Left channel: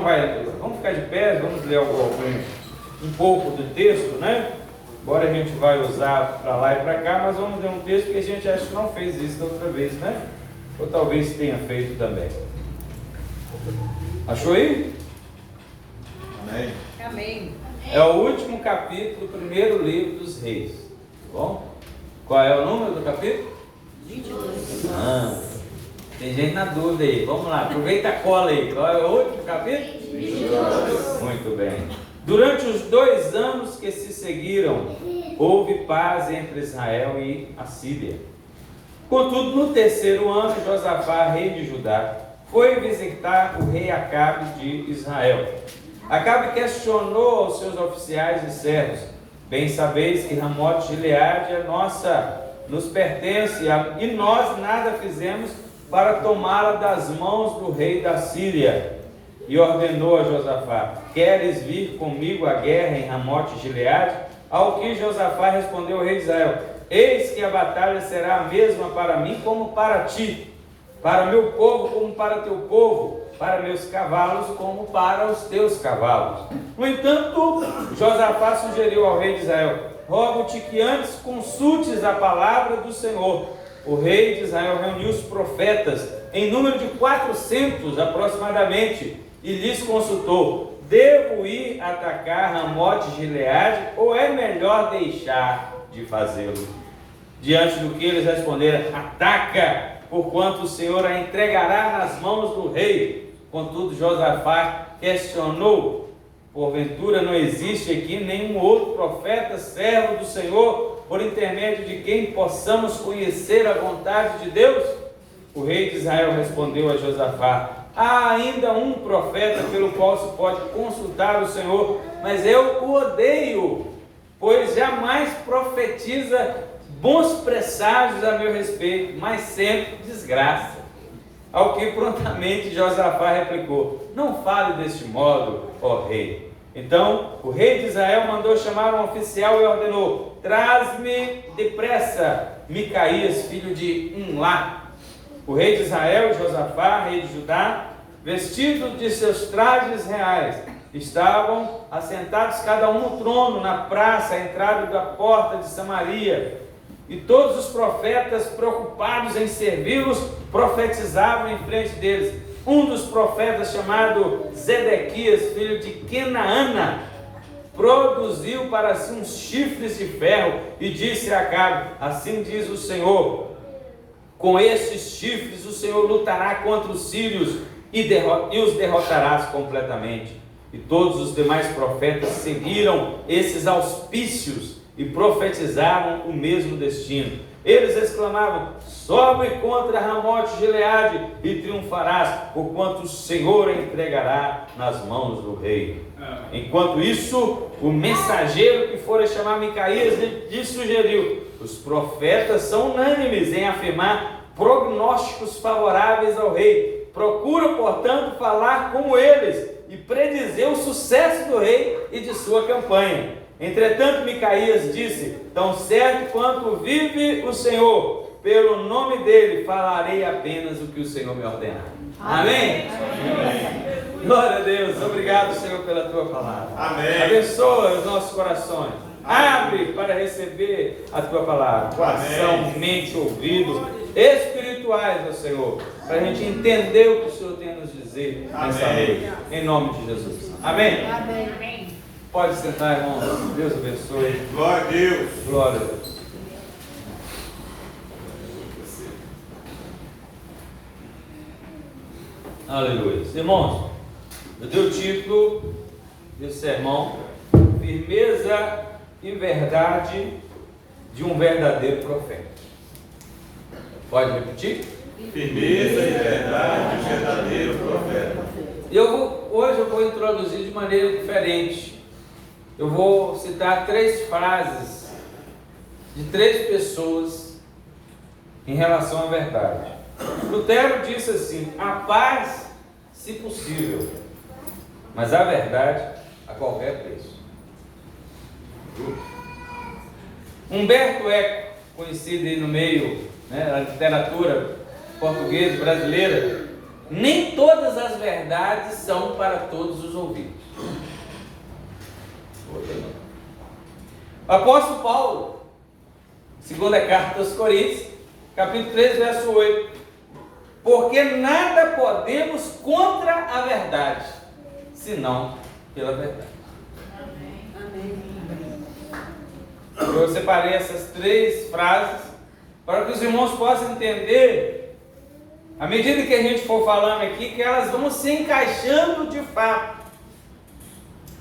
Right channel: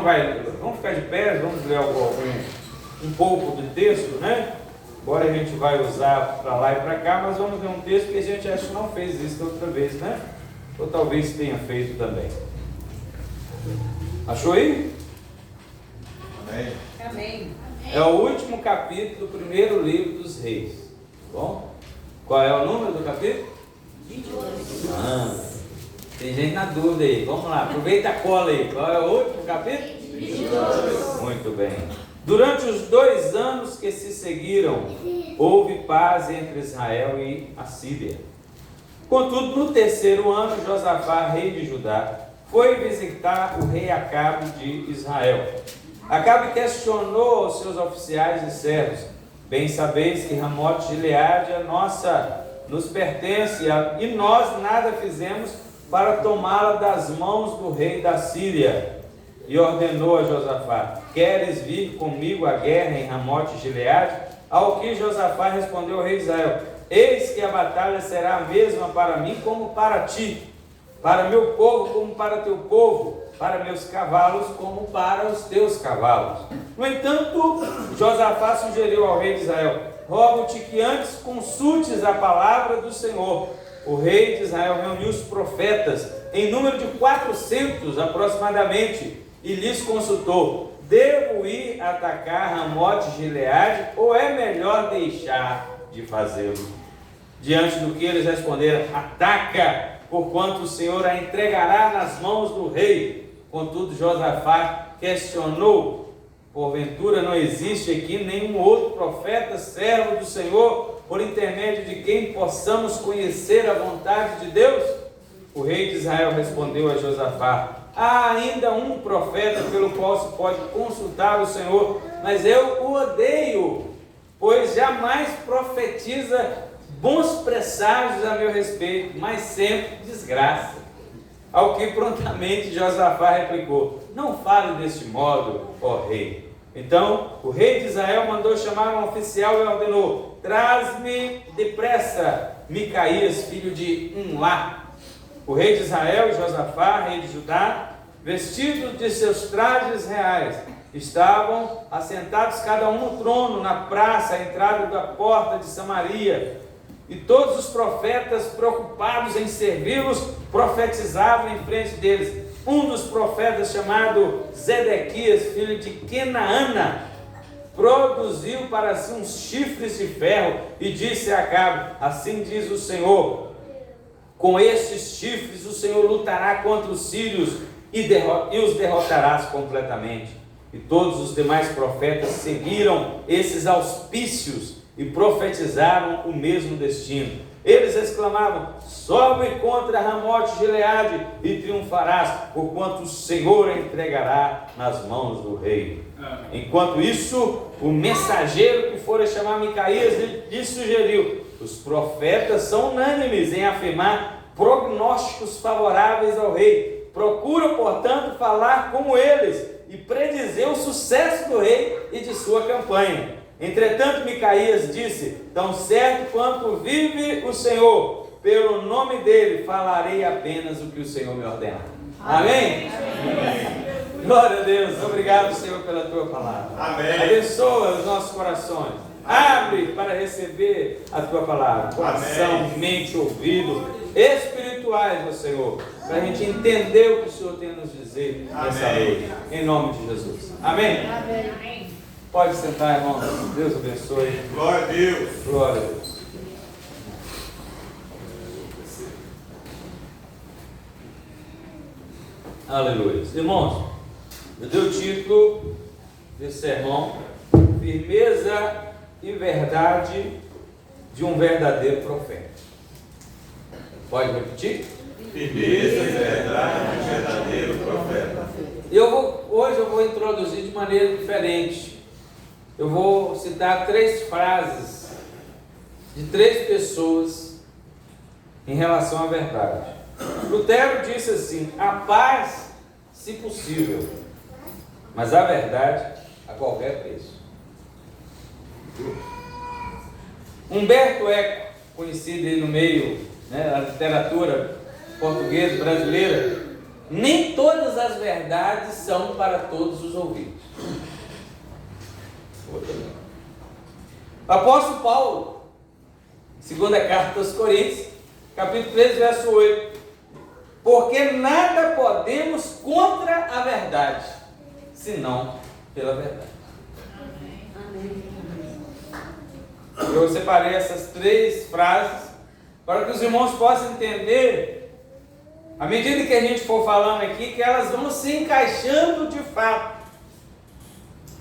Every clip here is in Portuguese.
Vamos ficar de pé, vamos ler um pouco do texto, né? Agora a gente vai usar para lá e para cá, mas vamos ler um texto que a gente acha que não fez isso da outra vez, né? Ou talvez tenha feito também. Achou aí? Amém. Amém. É o último capítulo do primeiro livro dos Reis. Tá bom? Qual é o número do capítulo? 22. Tem gente na dúvida aí. Vamos lá, aproveita a cola aí. Qual é o último capítulo? 22. Muito bem. Durante os 2 anos que se seguiram, houve paz entre Israel e a Síria. Contudo, no 3º ano, Josafá, rei de Judá, foi visitar o rei Acabe de Israel. Acabe questionou aos seus oficiais e servos: bem sabeis que Ramote Gileade é nossa, nos pertence, e nós nada fizemos para tomá-la das mãos do rei da Síria. E ordenou a Josafá: queres vir comigo à guerra em Ramote Gileade? Ao que Josafá respondeu ao rei de Israel: eis que a batalha será a mesma para mim como para ti, para meu povo como para teu povo, para meus cavalos como para os teus cavalos. No entanto, Josafá sugeriu ao rei de Israel: rogo-te que antes consultes a palavra do Senhor. O rei de Israel reuniu os profetas, em número de 400 aproximadamente, e lhes consultou: devo ir atacar Ramote Gileade ou é melhor deixar de fazê-lo? Diante do que eles responderam: ataca, porquanto o Senhor a entregará nas mãos do rei. Contudo, Josafá questionou: porventura não existe aqui nenhum outro profeta, servo do Senhor, por intermédio de quem possamos conhecer a vontade de Deus? O rei de Israel respondeu a Josafá: há ainda um profeta pelo qual se pode consultar o Senhor, mas eu o odeio, pois jamais profetiza bons presságios a meu respeito, mas sempre desgraça. Ao que prontamente Josafá replicou: não fale deste modo, ó rei. Então o rei de Israel mandou chamar um oficial e ordenou: traz-me depressa Micaías, filho de Umlá. O rei de Israel e Josafá, rei de Judá, vestidos de seus trajes reais, estavam assentados cada um no trono, na praça, à entrada da porta de Samaria. E todos os profetas, preocupados em servi-los, profetizavam em frente deles. Um dos profetas, chamado Zedequias, filho de Kenaana, produziu para si uns chifres de ferro e disse a Acabe: assim diz o Senhor, com estes chifres o Senhor lutará contra os sírios e os derrotarás completamente. E todos os demais profetas seguiram esses auspícios e profetizaram o mesmo destino. Eles exclamavam: sobe contra Ramote Gileade e triunfarás, porquanto o Senhor a entregará nas mãos do rei. Enquanto isso, o mensageiro que fora chamar Micaías lhe sugeriu: os profetas são unânimes em afirmar prognósticos favoráveis ao rei. Procura, portanto, falar com eles e predizer o sucesso do rei e de sua campanha. Entretanto, Micaías disse: tão certo quanto vive o Senhor, pelo nome dele falarei apenas o que o Senhor me ordenar. Amém? Amém. Glória a Deus. Obrigado, Senhor, pela tua palavra. Amém. Abençoa os nossos corações. Abre para receber a tua palavra. Coração, mente, ouvido espirituais, ó Senhor, para a gente entender o que o Senhor tem a nos dizer nessa noite. Em nome de Jesus. Amém? Amém. Pode sentar, irmãos. Deus abençoe. Glória a Deus. Glória a Deus. Aleluia. Irmãos, eu dei o título desse sermão: firmeza e verdade de um verdadeiro profeta. Pode repetir? Firmeza e verdade de um verdadeiro profeta. Hoje eu vou introduzir de maneira diferente. Eu vou citar 3 frases de 3 pessoas em relação à verdade. Lutero disse assim: a paz, se possível, mas a verdade a qualquer preço. Humberto Eco, conhecido aí no meio, da literatura portuguesa brasileira, nem todas as verdades são para todos os ouvidos. O apóstolo Paulo, segunda carta aos Coríntios, capítulo 3, verso 8: porque nada podemos contra a verdade, senão pela verdade. Eu separei essas 3 frases para que os irmãos possam entender, à medida que a gente for falando aqui, que elas vão se encaixando de fato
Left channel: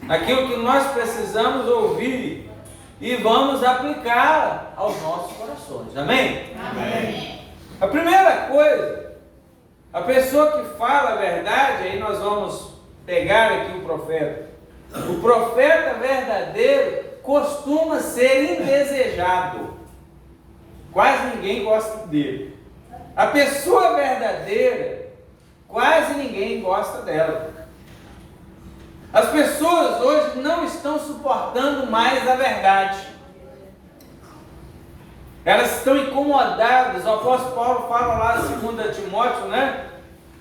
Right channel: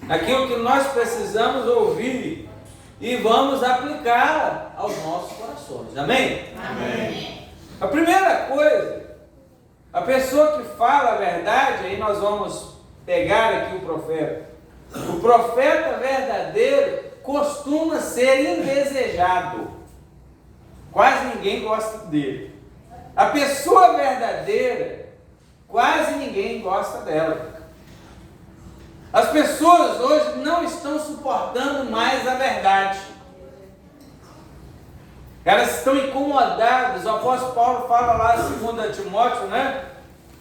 naquilo que nós precisamos ouvir e vamos aplicá-la aos nossos corações. Amém? Amém. A primeira coisa, a pessoa que fala a verdade, aí nós vamos pegar aqui o profeta. O profeta verdadeiro costuma ser indesejado. Quase ninguém gosta dele. A pessoa verdadeira, quase ninguém gosta dela. As pessoas hoje não estão suportando mais a verdade. Elas estão incomodadas. O apóstolo Paulo fala lá em 2 Timóteo, né?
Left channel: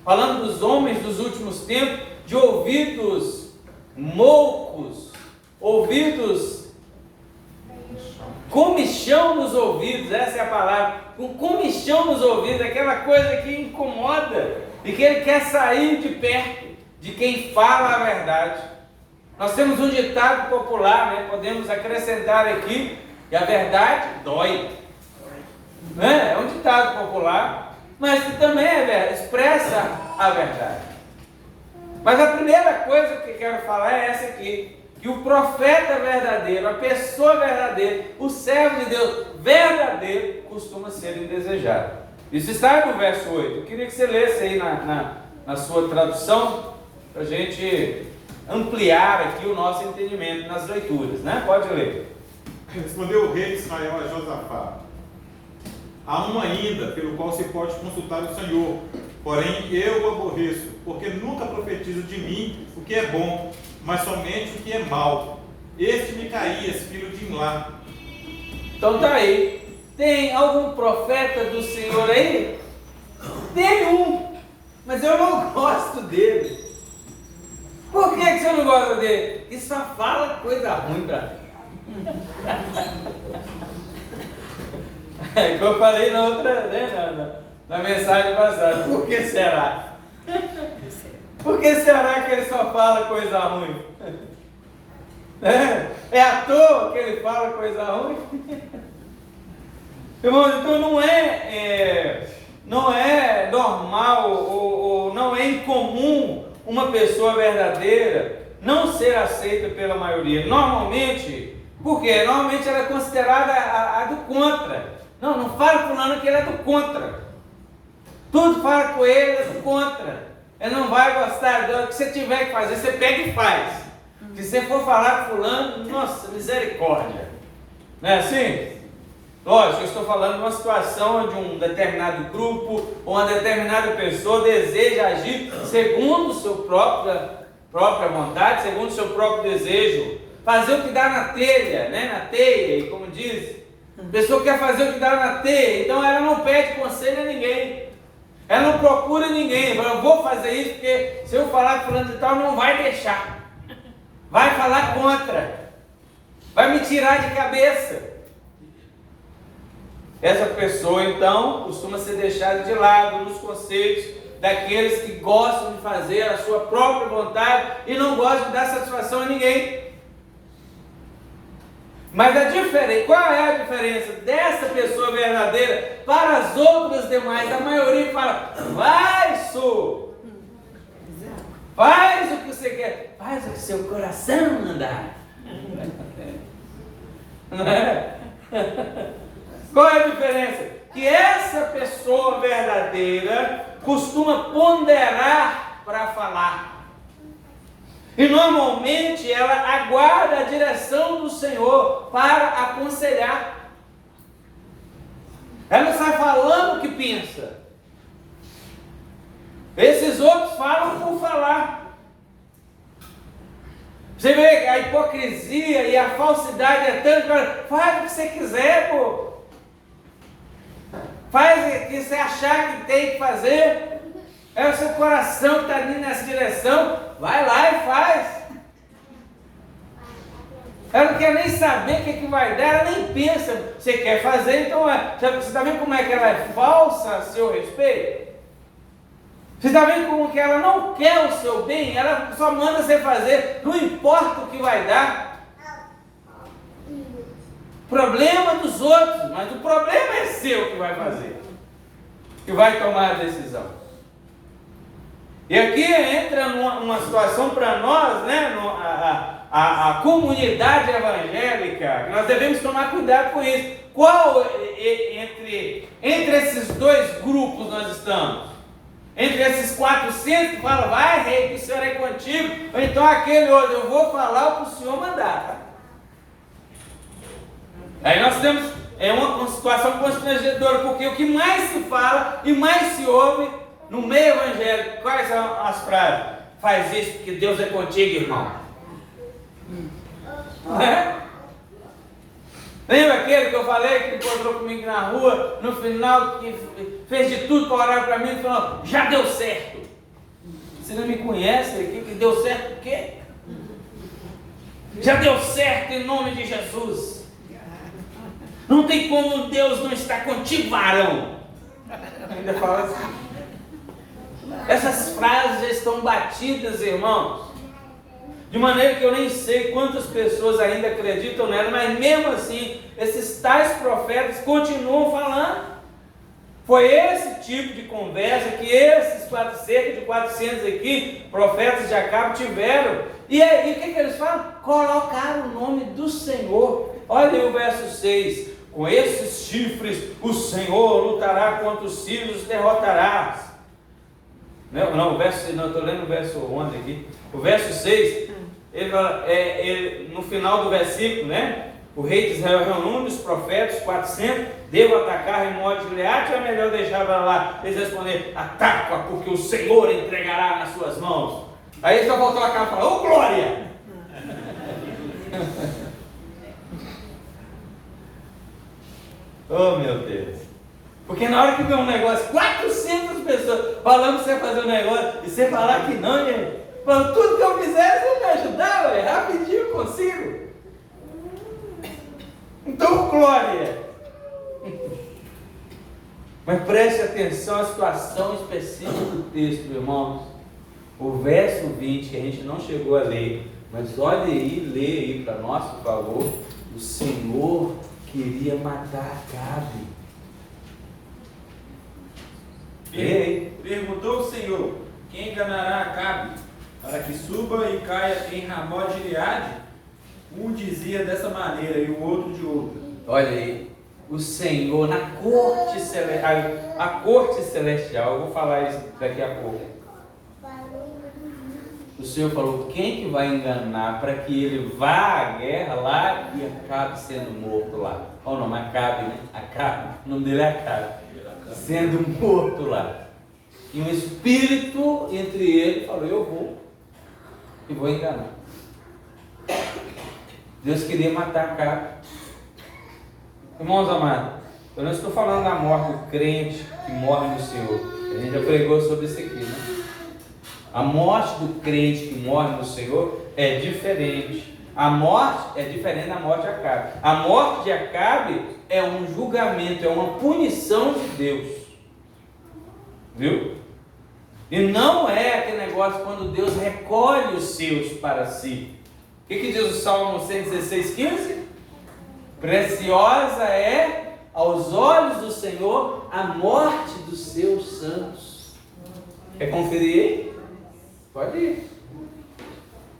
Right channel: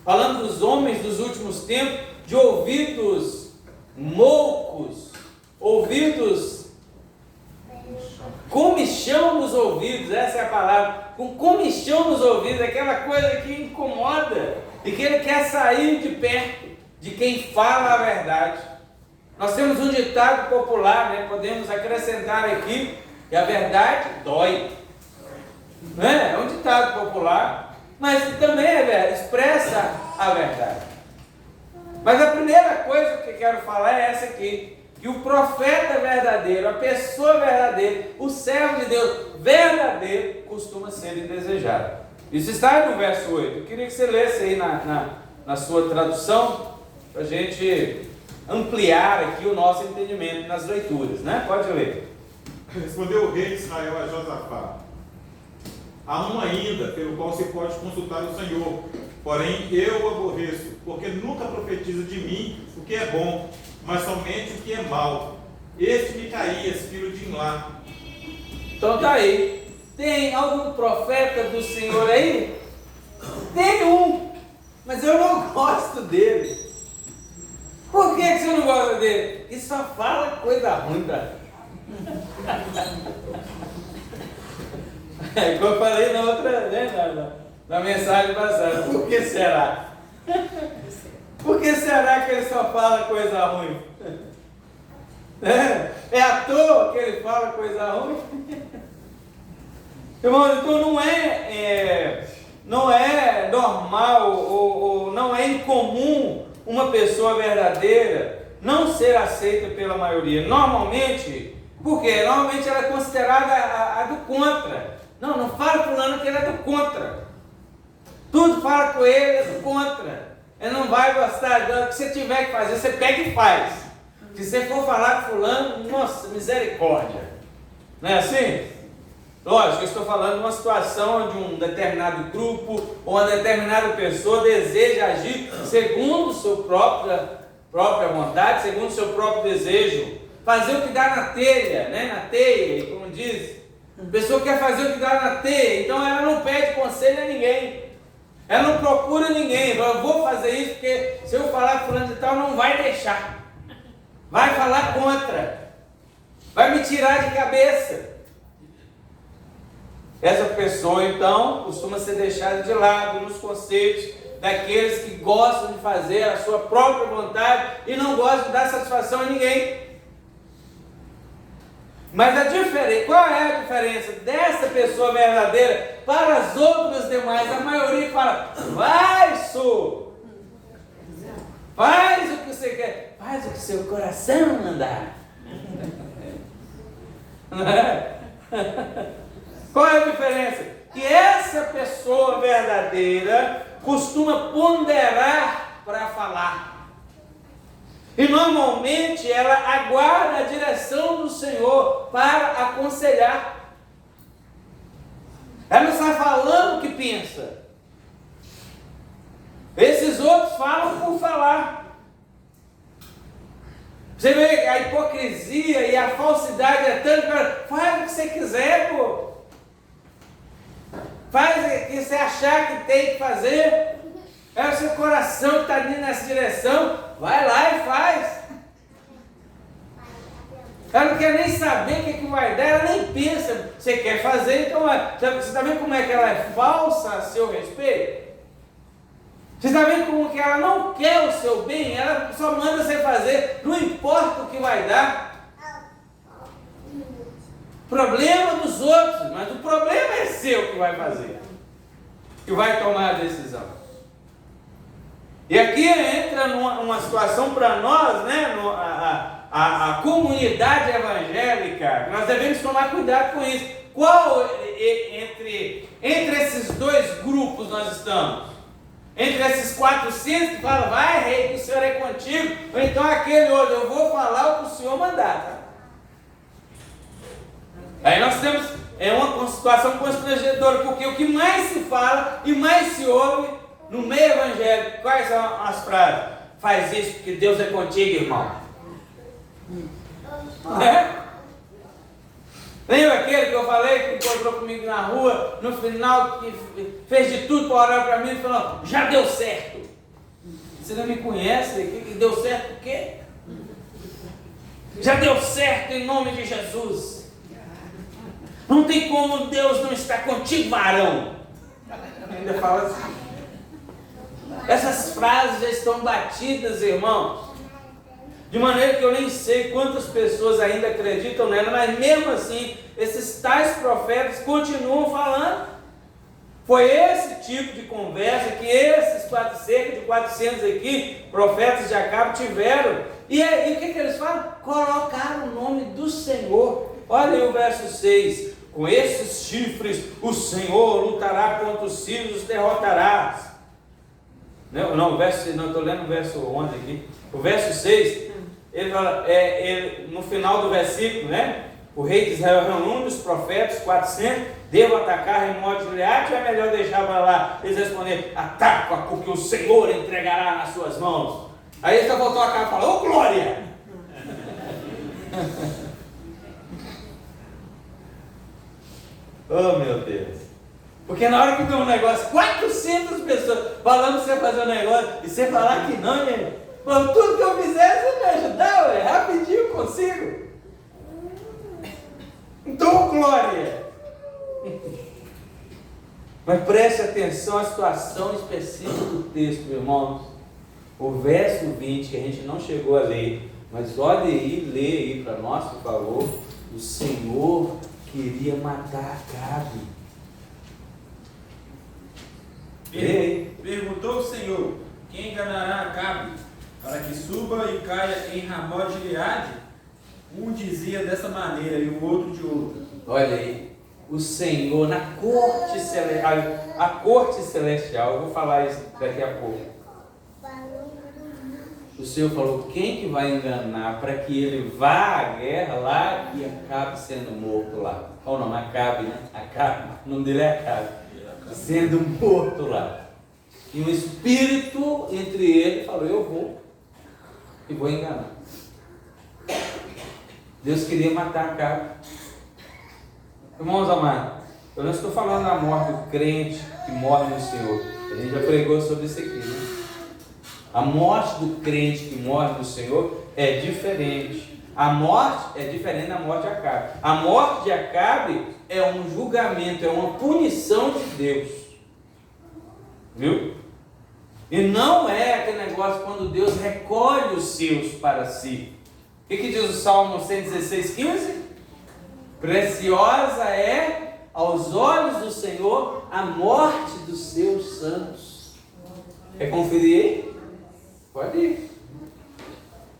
Falando dos homens dos últimos tempos, de ouvidos moucos, ouvidos, comichão nos ouvidos, essa é a palavra, com comichão nos ouvidos, aquela coisa que incomoda e que ele quer sair de perto de quem fala a verdade. Nós temos um ditado popular, né? Podemos acrescentar aqui, que a verdade dói. É um ditado popular, mas que também expressa a verdade. Mas a primeira coisa que eu quero falar é essa aqui, que o profeta verdadeiro, a pessoa verdadeira, o servo de Deus verdadeiro, costuma ser indesejado. Isso está no verso 8. Eu queria que você lesse aí na sua tradução, para a gente ampliar aqui o nosso entendimento nas leituras, né? Pode ler. Respondeu o rei de Israel a Josafá: há um ainda pelo qual se pode consultar o Senhor, porém eu o aborreço, porque nunca profetiza de mim o que é bom, mas somente o que é mal. Este Micaías, filho de Imlá. Então tá aí. Tem algum profeta do Senhor aí? Tem um, mas eu não gosto dele. Por que você não gosta dele? Porque só fala coisa ruim pra mim. É que eu falei na outra, né, na mensagem passada. Por que será? Por que será que ele só fala coisa ruim? É à toa que ele fala coisa ruim? Irmãos, então não é normal ou não é incomum uma pessoa verdadeira não ser aceita pela maioria. Normalmente, por quê? Normalmente ela é considerada a do contra. Não fala fulano que ele é do contra. Tudo fala com ele é do contra. Ele não vai gostar do que você tiver que fazer, você pega e faz. Se você for falar com fulano, nossa, misericórdia. Não é assim? Lógico, eu estou falando de uma situação onde um determinado grupo ou uma determinada pessoa deseja agir segundo a sua própria vontade, segundo o seu próprio desejo. Fazer o que dá na telha, né? Na teia, como diz. A pessoa quer fazer o que dá na teia, então ela não pede conselho a ninguém. Ela não procura ninguém. Eu vou fazer isso porque se eu falar fulano de tal, não vai deixar. Vai falar contra. Vai me tirar de cabeça. Essa pessoa, então, costuma ser deixada de lado nos conselhos daqueles que gostam de fazer a sua própria vontade e não gostam de dar satisfação a ninguém. Mas qual é a diferença dessa pessoa verdadeira para as outras demais? A maioria fala: vai, sou, faz o que você quer, faz o que seu coração mandar. Não é? Qual é a diferença? Que essa pessoa verdadeira costuma ponderar para falar. E normalmente ela aguarda a direção do Senhor para aconselhar. Ela não está falando o que pensa. Esses outros falam por falar. Você vê a hipocrisia e a falsidade é tanto. Faz o que você quiser, pô. Faz o que você achar que tem que fazer. É o seu coração que está indo nessa direção. Vai lá e faz. Ela não quer nem saber o que vai dar, ela nem pensa. Você quer fazer, então você está vendo como é que ela é falsa a seu respeito? Você está vendo como que ela não quer o seu bem? Ela só manda você fazer, não importa o que vai dar. Problema dos outros, mas o problema é seu que vai fazer, que vai tomar a decisão. E aqui entra numa situação para nós, né? A comunidade evangélica, nós devemos tomar cuidado com isso. Qual entre esses dois grupos nós estamos? Entre esses 400 que falam, vai rei, que o Senhor é contigo, ou então aquele outro, eu vou falar o que o Senhor mandar. Tá? Aí nós temos uma situação constrangedora, porque o que mais se fala e mais se ouve no meio evangélico, quais são as frases? Faz isso porque Deus é contigo, irmão. Lembra aquele que eu falei que encontrou comigo na rua, no final, que fez de tudo para orar para mim e falou, já deu certo. Você não me conhece aqui, que deu certo o quê? Já deu certo em nome de Jesus. Não tem como Deus não estar contigo, varão. Ainda fala assim. Essas frases já estão batidas, irmãos, de maneira que eu nem sei quantas pessoas ainda acreditam nela, mas mesmo assim, esses tais profetas continuam falando. Foi esse tipo de conversa que esses cerca de 400 aqui, profetas de Acabe, tiveram. E aí, o que eles falam? Colocaram o nome do Senhor. Olha aí o verso 6. Com esses chifres, o Senhor lutará contra os sírios e os derrotará. Não, estou lendo o verso 11 aqui. O verso 6, ele fala, no final do versículo, né? O rei de Israel reuniu os profetas, 400, devo atacar Remote de Gileade ou é melhor deixar para lá? Eles responderam, ataca, porque o Senhor entregará nas suas mãos. Aí ele só voltou a cara e falou, ô glória! Oh meu Deus! Porque na hora que vê um negócio, 400 pessoas falando para você fazer um negócio, e você falar que não, gente, falando, tudo que eu fizer, você me ajudar, ué, rapidinho eu consigo. Então, glória! Mas preste atenção à situação específica do texto, irmãos. O verso 20, que a gente não chegou a ler, mas olha aí, lê aí para nós, por favor. O Senhor queria matar Acabe. Perguntou o Senhor, quem enganará Acabe, para que suba e caia em Ramote de Gileade? Um dizia dessa maneira e o outro de outra. Olha aí, o Senhor na corte celestial, a corte celestial, eu vou falar isso daqui a pouco. O Senhor falou, quem que vai enganar para que ele vá à guerra lá e acabe sendo morto lá? Oh não, Acabe, né? Acabe, o nome dele é Acabe. Sendo morto lá. E um espírito entre ele falou, eu vou e vou enganar. Deus queria matar Acabe. Irmãos amados, eu não estou falando da morte do crente que morre no Senhor. A gente já pregou sobre isso aqui, né? A morte do crente que morre no Senhor é diferente. A morte é diferente da morte de Acabe. A morte de Acabe é um julgamento, é uma punição de Deus. Viu? E não é aquele negócio quando Deus recolhe os seus para si. O que diz o Salmo 116:15? Preciosa é aos olhos do Senhor a morte dos seus santos. Quer conferir aí? Pode ir.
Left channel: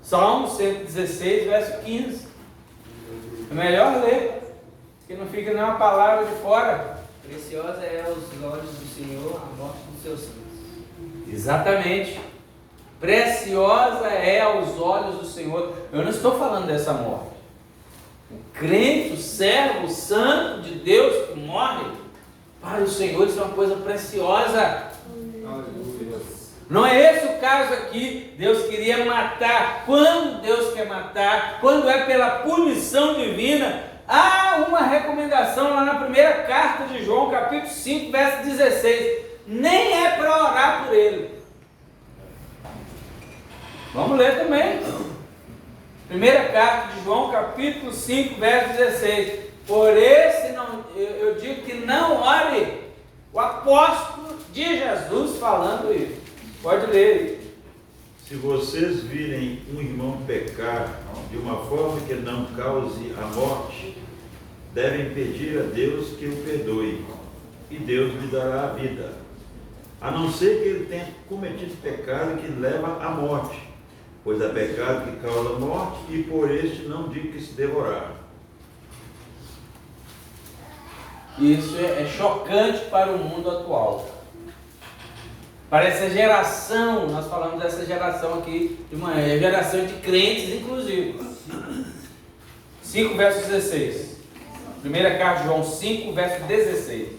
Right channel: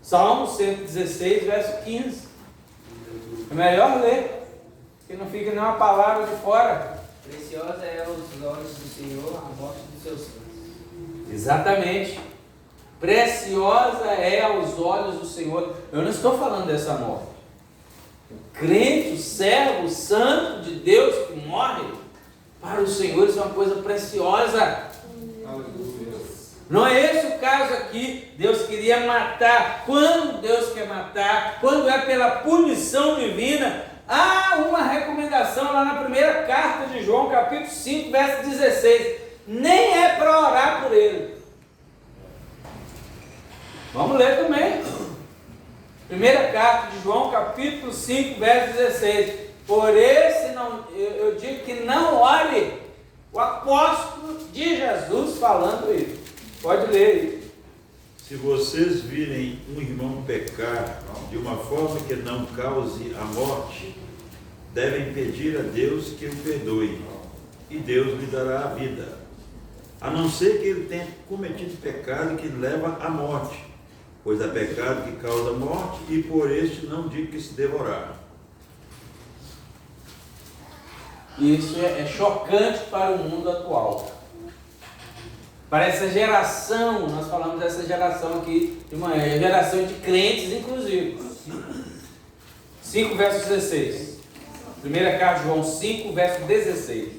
Salmo 116, verso 15. É melhor ler, que não fica nenhuma palavra de fora. Preciosa é aos olhos do Senhor a morte dos seus santos. Exatamente. Preciosa é aos olhos do Senhor. Eu não estou falando dessa morte. O crente, o servo, o santo de Deus que morre, para o Senhor isso é uma coisa preciosa. Não é esse o caso aqui. Deus queria matar. Quando Deus quer matar, quando é pela punição divina, há uma recomendação lá na primeira carta de João, capítulo 5, verso 16. Nem é para orar por ele. Vamos ler também. Primeira carta de João, capítulo 5, verso 16. Por esse não, eu digo que não ore. O apóstolo de Jesus falando isso. Pode ler. Se vocês virem um irmão pecar de uma forma que não cause a morte, devem pedir a Deus que o perdoe, e Deus lhe dará a vida. A não ser que ele tenha cometido pecado que leva à morte, pois há pecado que causa morte, e por este não digo que se devorar. Isso é chocante para o mundo atual. Para essa geração, nós falamos dessa geração aqui, de uma geração de crentes, inclusive. 5 verso 16. Primeira carta de João 5, verso 16.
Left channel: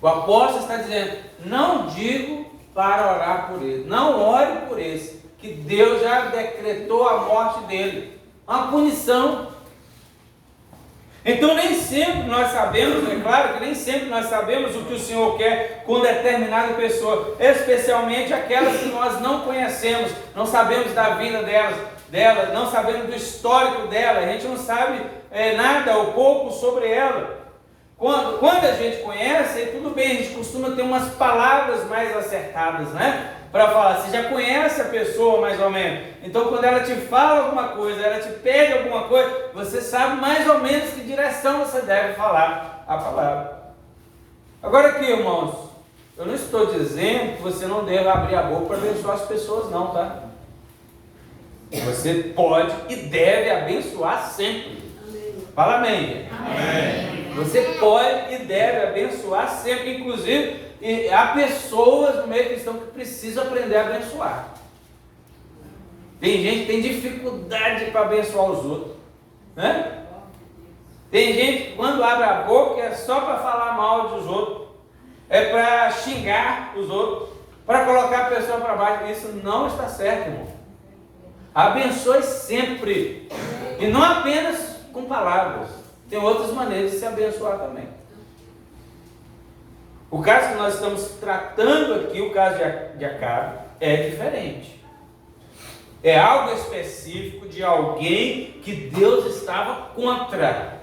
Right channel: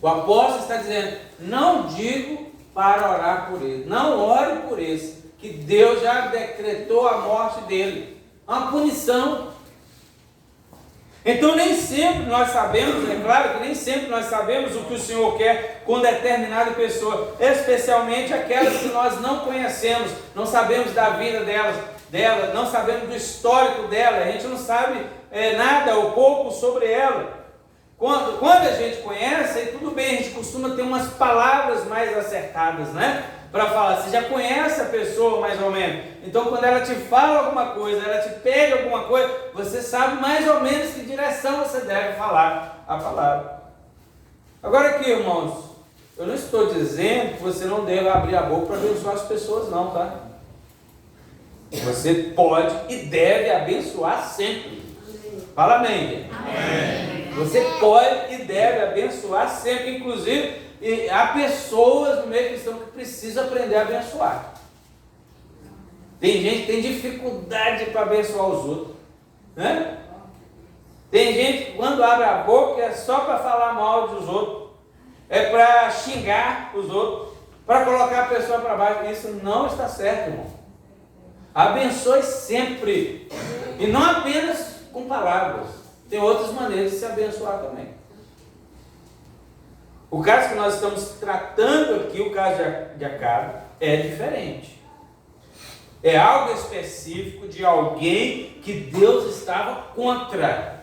O apóstolo está dizendo, não digo para orar por ele, não ore por esse, que Deus já decretou a morte dele, uma punição. Então nem sempre nós sabemos, é claro que nem sempre nós sabemos o que o Senhor quer com determinada pessoa, especialmente aquelas que nós não conhecemos, não sabemos da vida dela, não sabemos do histórico dela, a gente não sabe nada ou pouco sobre ela. Quando a gente conhece, tudo bem, a gente costuma ter umas palavras mais acertadas, né? Para falar, você já conhece a pessoa mais ou menos, então quando ela te fala alguma coisa, ela te pede alguma coisa, você sabe mais ou menos que direção você deve falar a palavra. Agora aqui, irmãos, eu não estou dizendo que você não deve abrir a boca para abençoar as pessoas não, tá? Você pode e deve abençoar sempre. Fala amém. Amém. Você pode e deve abençoar sempre, inclusive há pessoas no meio cristão que precisam aprender a abençoar. Tem gente que tem dificuldade para abençoar os outros, né? Tem gente que quando abre a boca é só para falar mal dos outros, é para xingar os outros, para colocar a pessoa para baixo. Isso não está certo, irmão. Abençoe sempre, e não apenas com palavras, tem outras maneiras de se abençoar também. O caso que nós estamos tratando aqui, o caso de Acabe, é diferente. É algo específico de alguém que Deus estava contra.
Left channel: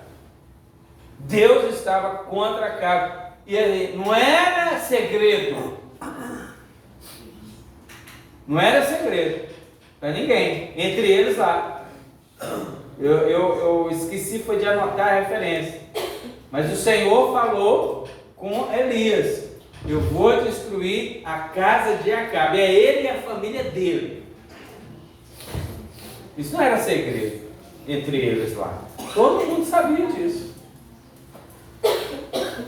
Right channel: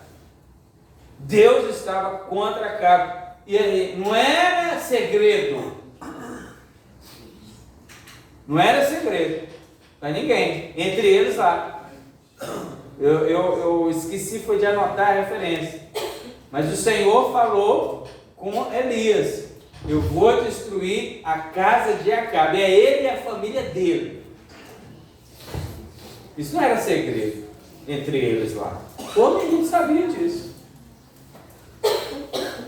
Deus estava contra Acabe. E ele não era segredo. Não era segredo para ninguém. Entre eles lá. Eu esqueci foi de anotar a referência. Mas o Senhor falou com Elias, eu vou destruir a casa de Acabe, é ele e a família dele. Isso não era segredo entre eles lá, todo mundo sabia disso.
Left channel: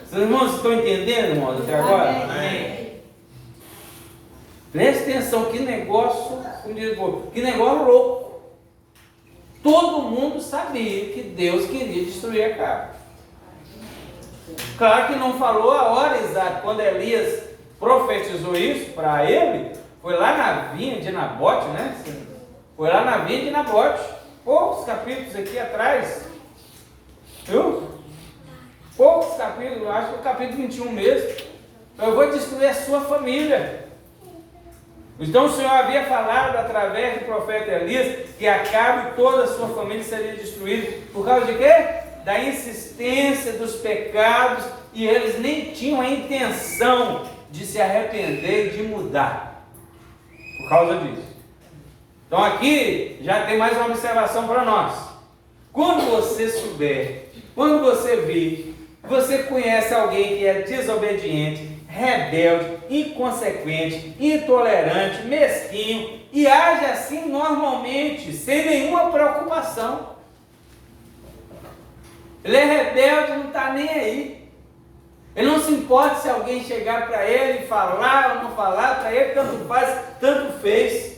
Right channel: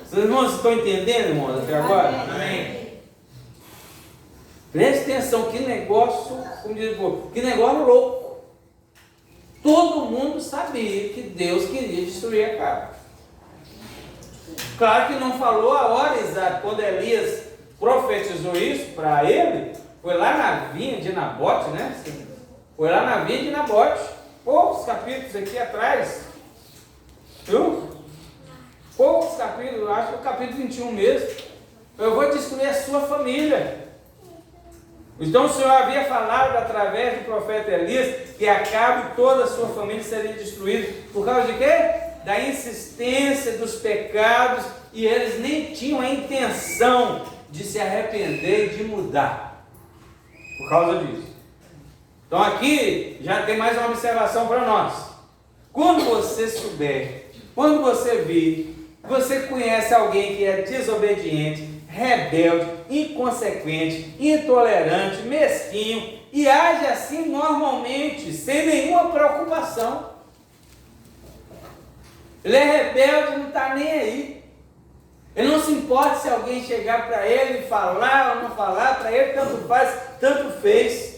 Seus irmãos estão entendendo, irmãos, até agora? Amém. Preste atenção, que negócio, como diz o povo, que negócio louco. Todo mundo sabia que Deus queria destruir Acabe. Claro que não falou a hora exata. Quando Elias profetizou isso para ele, foi lá na vinha de Nabote, né? Foi lá na vinha de Nabote. Poucos capítulos aqui atrás. Viu? Poucos capítulos, acho que é o capítulo 21 mesmo. Eu vou destruir a sua família. Então o Senhor havia falado através do profeta Elias que Acabe e toda a sua família seria destruída. Por causa de quê? Da insistência dos pecados, e eles nem tinham a intenção de se arrepender e de mudar por causa disso. Então aqui já tem mais uma observação para nós. Quando você souber, quando você vir, você conhece alguém que é desobediente, rebelde, inconsequente, intolerante, mesquinho, e age assim normalmente, sem nenhuma preocupação. Ele é rebelde, não está nem aí. Ele não se importa se alguém chegar para ele e falar ou não falar, para ele tanto faz, tanto fez.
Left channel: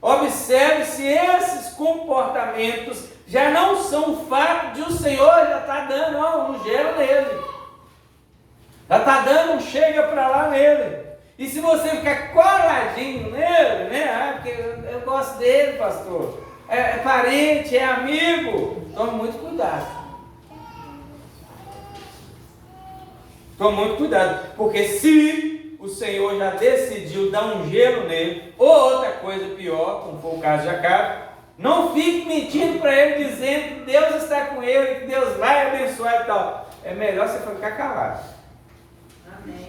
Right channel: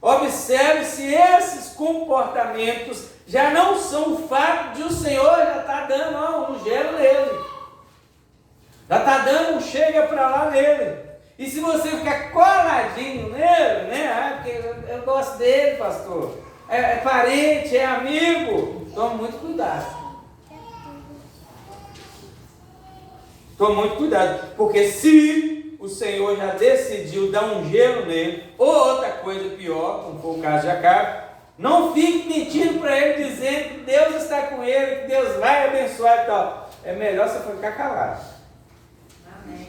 Observe se esses comportamentos já não são um fato de o Senhor já está dando um gelo nele. Já está dando um chega para lá nele. E se você ficar coladinho nele, né? Porque eu gosto dele, pastor. É parente, é amigo. Tome muito cuidado. Tome muito cuidado, porque se o Senhor já decidiu dar um gelo nele, ou outra coisa pior, como foi o caso de Acabe, não fique mentindo para ele, dizendo que Deus está com ele, que Deus vai abençoar e tal. É melhor você ficar calado. Amém.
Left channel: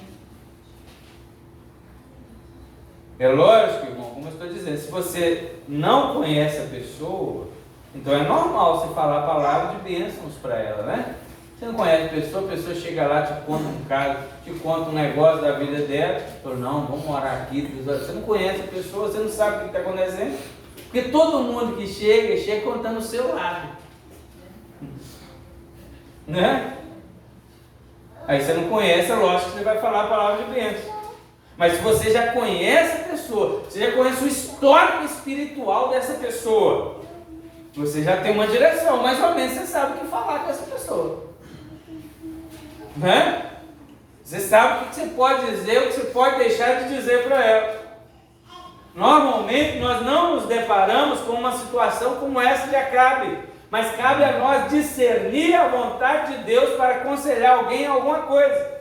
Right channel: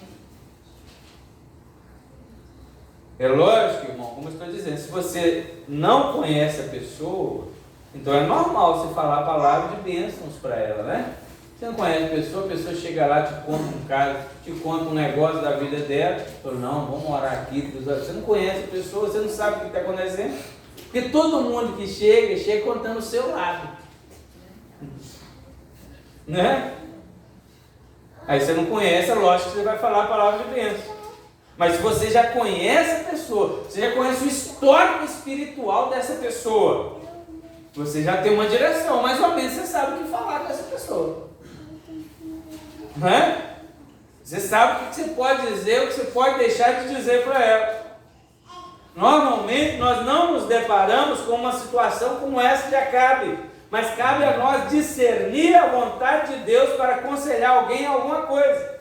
É lógico, irmão, como eu estou dizendo, se você não conhece a pessoa, então é normal você falar a palavra de bênçãos para ela, né? Você não conhece a pessoa chega lá, te conta um caso, te conta um negócio da vida dela, fala, não, vamos orar aqui. Você não conhece a pessoa, você não sabe o que está acontecendo, porque todo mundo que chega contando o seu lado, né? Aí você não conhece, é lógico que você vai falar a palavra de bênção. Mas se você já conhece a pessoa, você já conhece o histórico espiritual dessa pessoa, você já tem uma direção, mais ou menos você sabe o que falar com essa pessoa, né? Você sabe o que você pode dizer, o que você pode deixar de dizer para ela. Normalmente nós não nos deparamos com uma situação como essa de Acabe, mas cabe a nós discernir a vontade de Deus para aconselhar alguém em alguma coisa.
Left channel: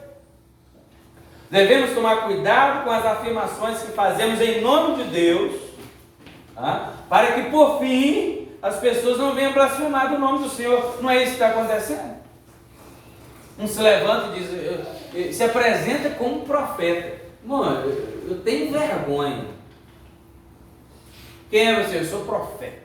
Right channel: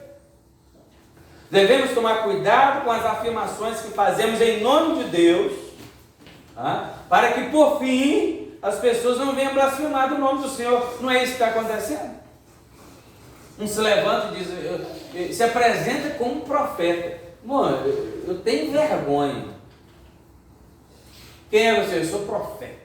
Devemos tomar cuidado com as afirmações que fazemos em nome de Deus, tá? Para que por fim as pessoas não venham blasfemar do nome do Senhor. Não é isso que está acontecendo? Um se levanta e diz, se apresenta como profeta. Mano, eu tenho vergonha. Quem é você? Eu sou profeta.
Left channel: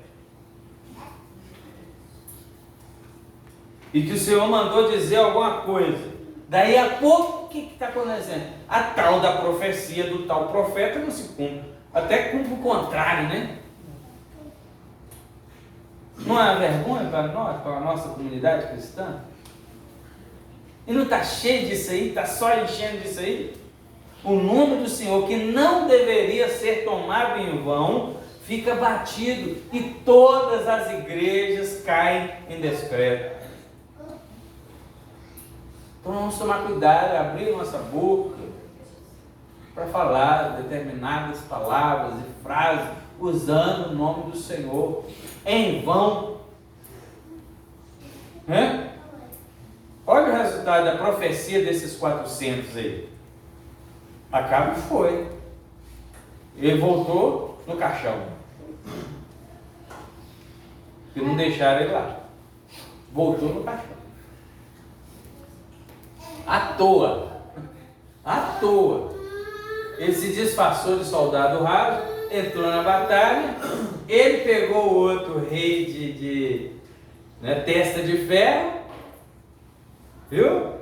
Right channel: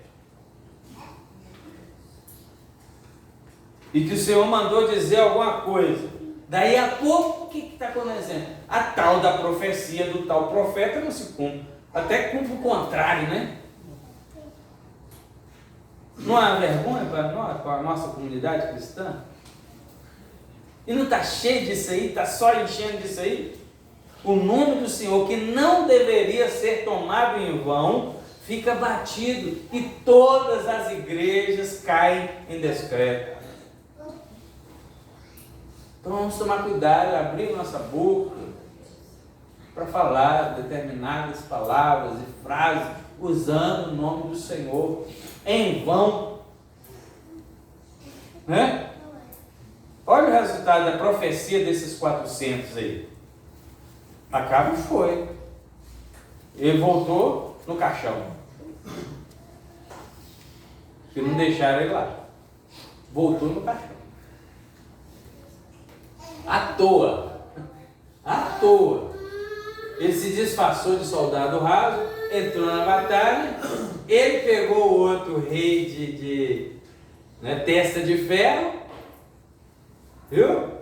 E que o Senhor mandou dizer alguma coisa. Daí a pouco, o que está acontecendo? A tal da profecia do tal profeta não se cumpre. Até cumpre o contrário, né? Não é vergonha para nós, para a nossa comunidade cristã? E não está cheio disso aí, está só enchendo disso aí? O nome do Senhor, que não deveria ser tomado em vão, fica batido e todas as igrejas caem em descrédito. Então vamos tomar cuidado, abrir nossa boca para falar determinadas palavras e frases usando o nome do Senhor em vão, né? Olha o resultado da profecia desses 400 aí. Acabe foi. Ele voltou no caixão. Que não deixaram ele lá. Voltou no caixão. À toa. À toa. Ele se disfarçou de soldado raso, entrou na batalha, ele pegou o outro rei de testa de ferro, viu?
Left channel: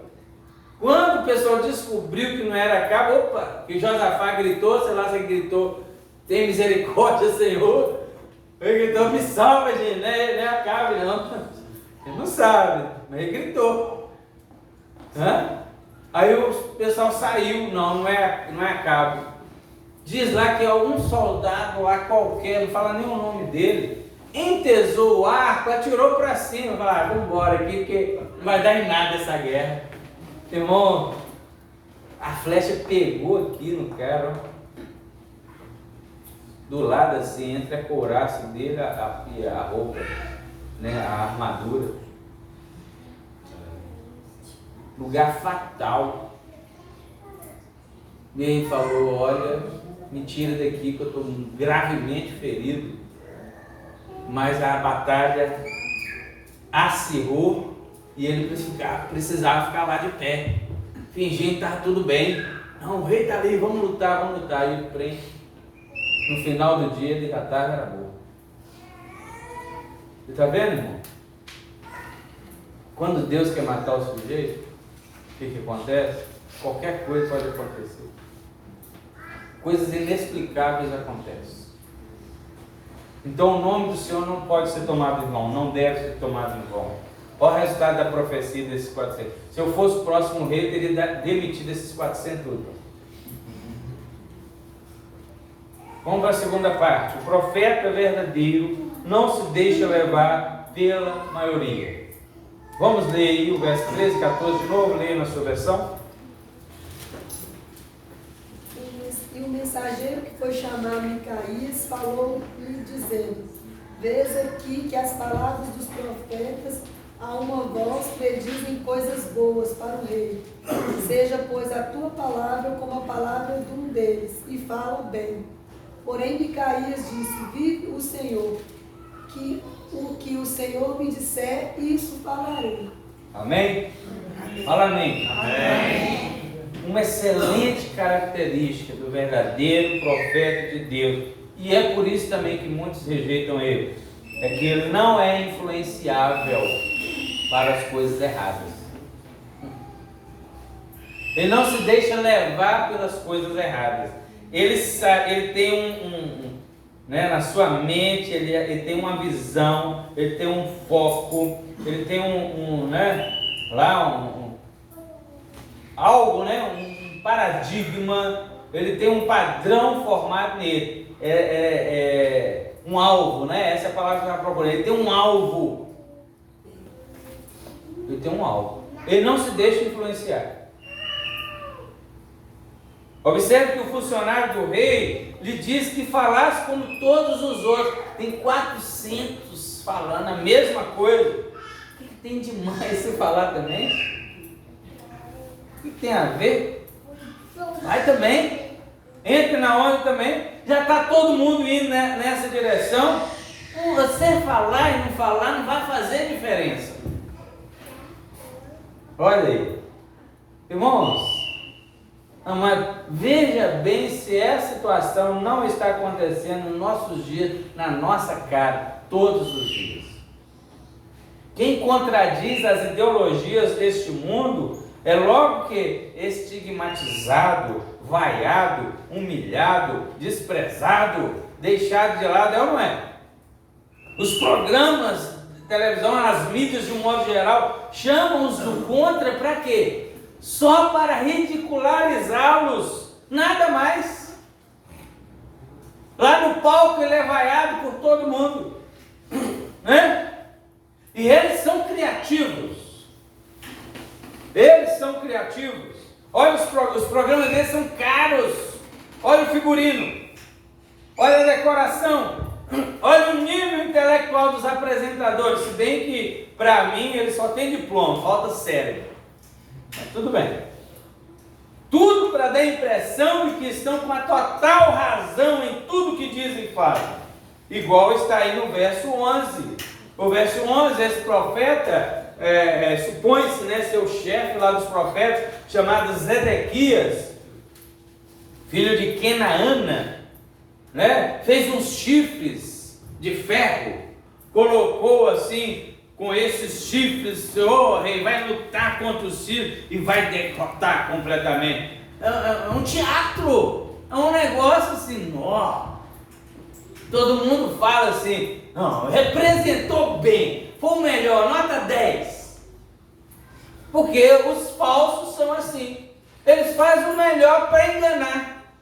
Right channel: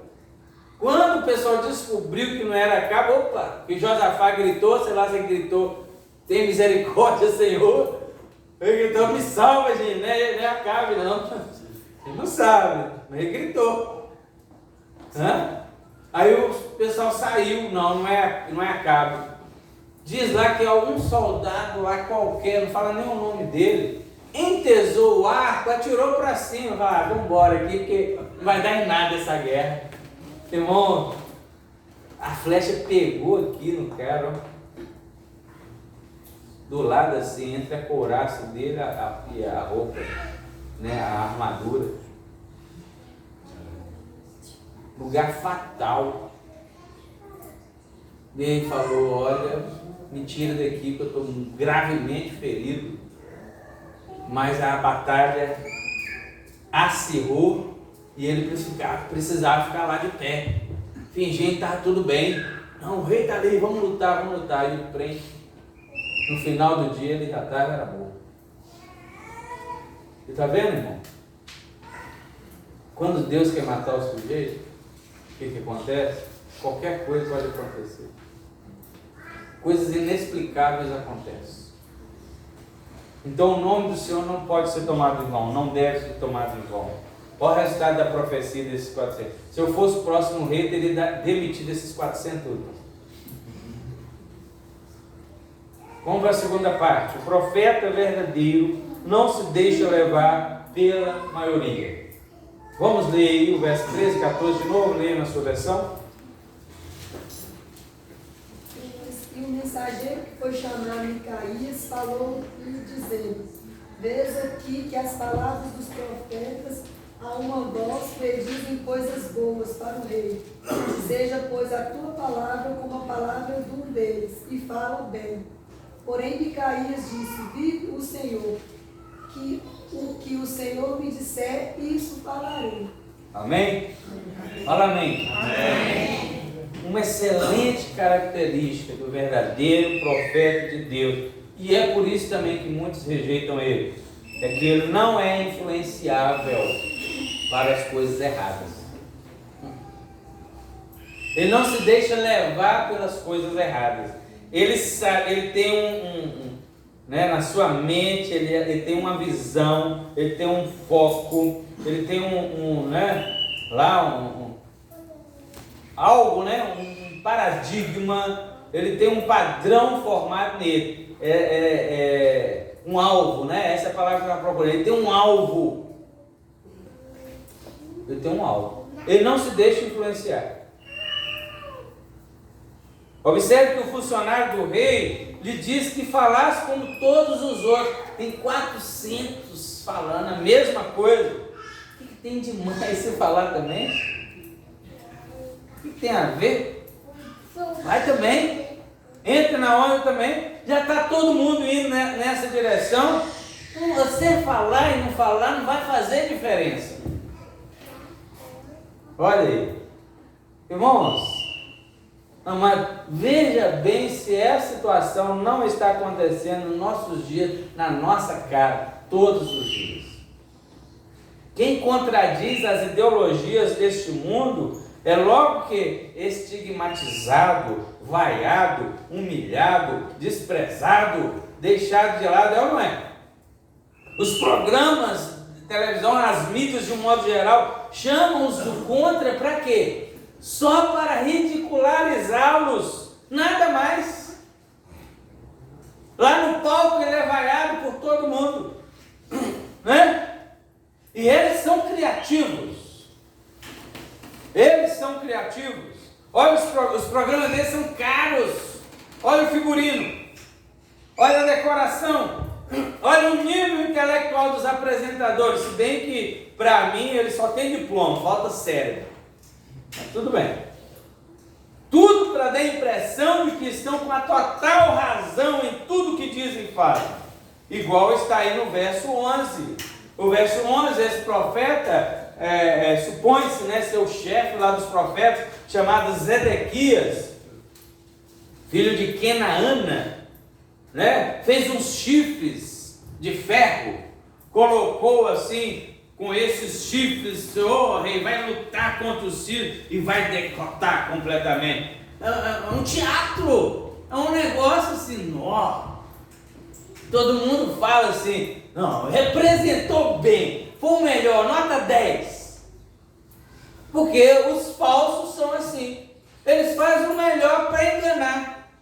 Quando o pessoal descobriu que não era Acabe, opa, que Josafá gritou, sei lá se ele gritou, tem misericórdia, Senhor, ele gritou, me salva, gente, não é Acabe não, ele não sabe, mas ele gritou. Aí o pessoal saiu, não é Acabe. Diz lá que algum soldado lá qualquer, não fala nem o nome dele, entesou o arco, atirou para cima, falou, vamos embora aqui, porque não vai dar em nada essa guerra. Irmão, a flecha pegou aqui no cara, ó, do lado assim, entre a couraça dele e a roupa, né, a armadura. Lugar fatal. E ele falou, olha, me tira daqui que eu estou gravemente ferido. Mas a batalha acirrou e ele precisava ficar lá de pé, fingindo que estava tudo bem. Não, o rei está ali, vamos lutar. E ele prende. No final do dia ele já estava, era bom. Você está vendo, irmão? Quando Deus quer matar o sujeito, o que acontece? Qualquer coisa pode acontecer. Coisas inexplicáveis acontecem. Então o nome do Senhor não pode ser tomado em vão, não deve ser tomado em vão. Olha o resultado da profecia desses 400. Se eu fosse o próximo rei, eu teria demitido esses 400 tudo. Vamos para a segunda parte. O profeta verdadeiro não se deixa levar pela maioria. Vamos ler aí o verso 13, 14 de novo, leia na sua versão. E o mensageiro que foi chamado Micaías falou-lhe dizendo, vês aqui que as palavras dos profetas a uma voz predizem coisas boas para o rei. Seja, pois, a tua palavra como a palavra de um deles, e fala bem. Porém, Micaías disse: vive o Senhor, que o que o Senhor me disser, isso falarei. Amém? Fala amém. Uma excelente característica do verdadeiro profeta de Deus, e é por isso também que muitos rejeitam ele, é que ele não é influenciável para as coisas erradas. Ele não se deixa levar pelas coisas erradas. Ele sabe, ele tem né, na sua mente, ele tem uma visão, ele tem um foco, ele tem algo, né, um paradigma, ele tem um padrão formado nele, um alvo, né? Essa é a palavra que eu estava procurando. Ele tem um alvo. Ele tem um alvo. Ele não se deixa influenciar. Observe que o funcionário do rei lhe disse que falasse como todos os outros. Tem 400 falando a mesma coisa. O que tem de mais você falar também? O que tem a ver? Vai também. Entre na onda também. Já está todo mundo indo nessa direção. Você falar e não falar não vai fazer diferença. Olha aí. Irmãos, amado, veja bem se essa situação não está acontecendo nos nossos dias, na nossa cara, todos os dias. Quem contradiz as ideologias deste mundo é logo que estigmatizado, vaiado, humilhado, desprezado, deixado de lado, é ou não é? Os programas de televisão, as mídias de um modo geral, chamam-os do contra para quê? Só para ridicularizá-los, nada mais. Lá no palco ele é vaiado por todo mundo, né? E eles são criativos. Eles são criativos. Olha, os programas deles são caros. Olha o figurino. Olha a decoração. Olha o nível intelectual dos apresentadores. Se bem que, para mim, eles só têm diploma, falta cérebro. Mas tudo bem. Tudo para dar a impressão de que estão com a total razão em tudo que dizem e fazem. Igual está aí no verso 11. O verso 11, esse profeta, supõe-se, né, seu chefe lá dos profetas, chamado Zedequias, filho de Kenaana, né, fez uns chifres de ferro, colocou assim, com esses chifres, o rei vai lutar contra os sírios e vai derrotar completamente. É um teatro, é um negócio assim, ó. Todo mundo fala assim, não, representou bem, foi o melhor, nota 10. Porque os falsos são assim, eles fazem o melhor para enganar.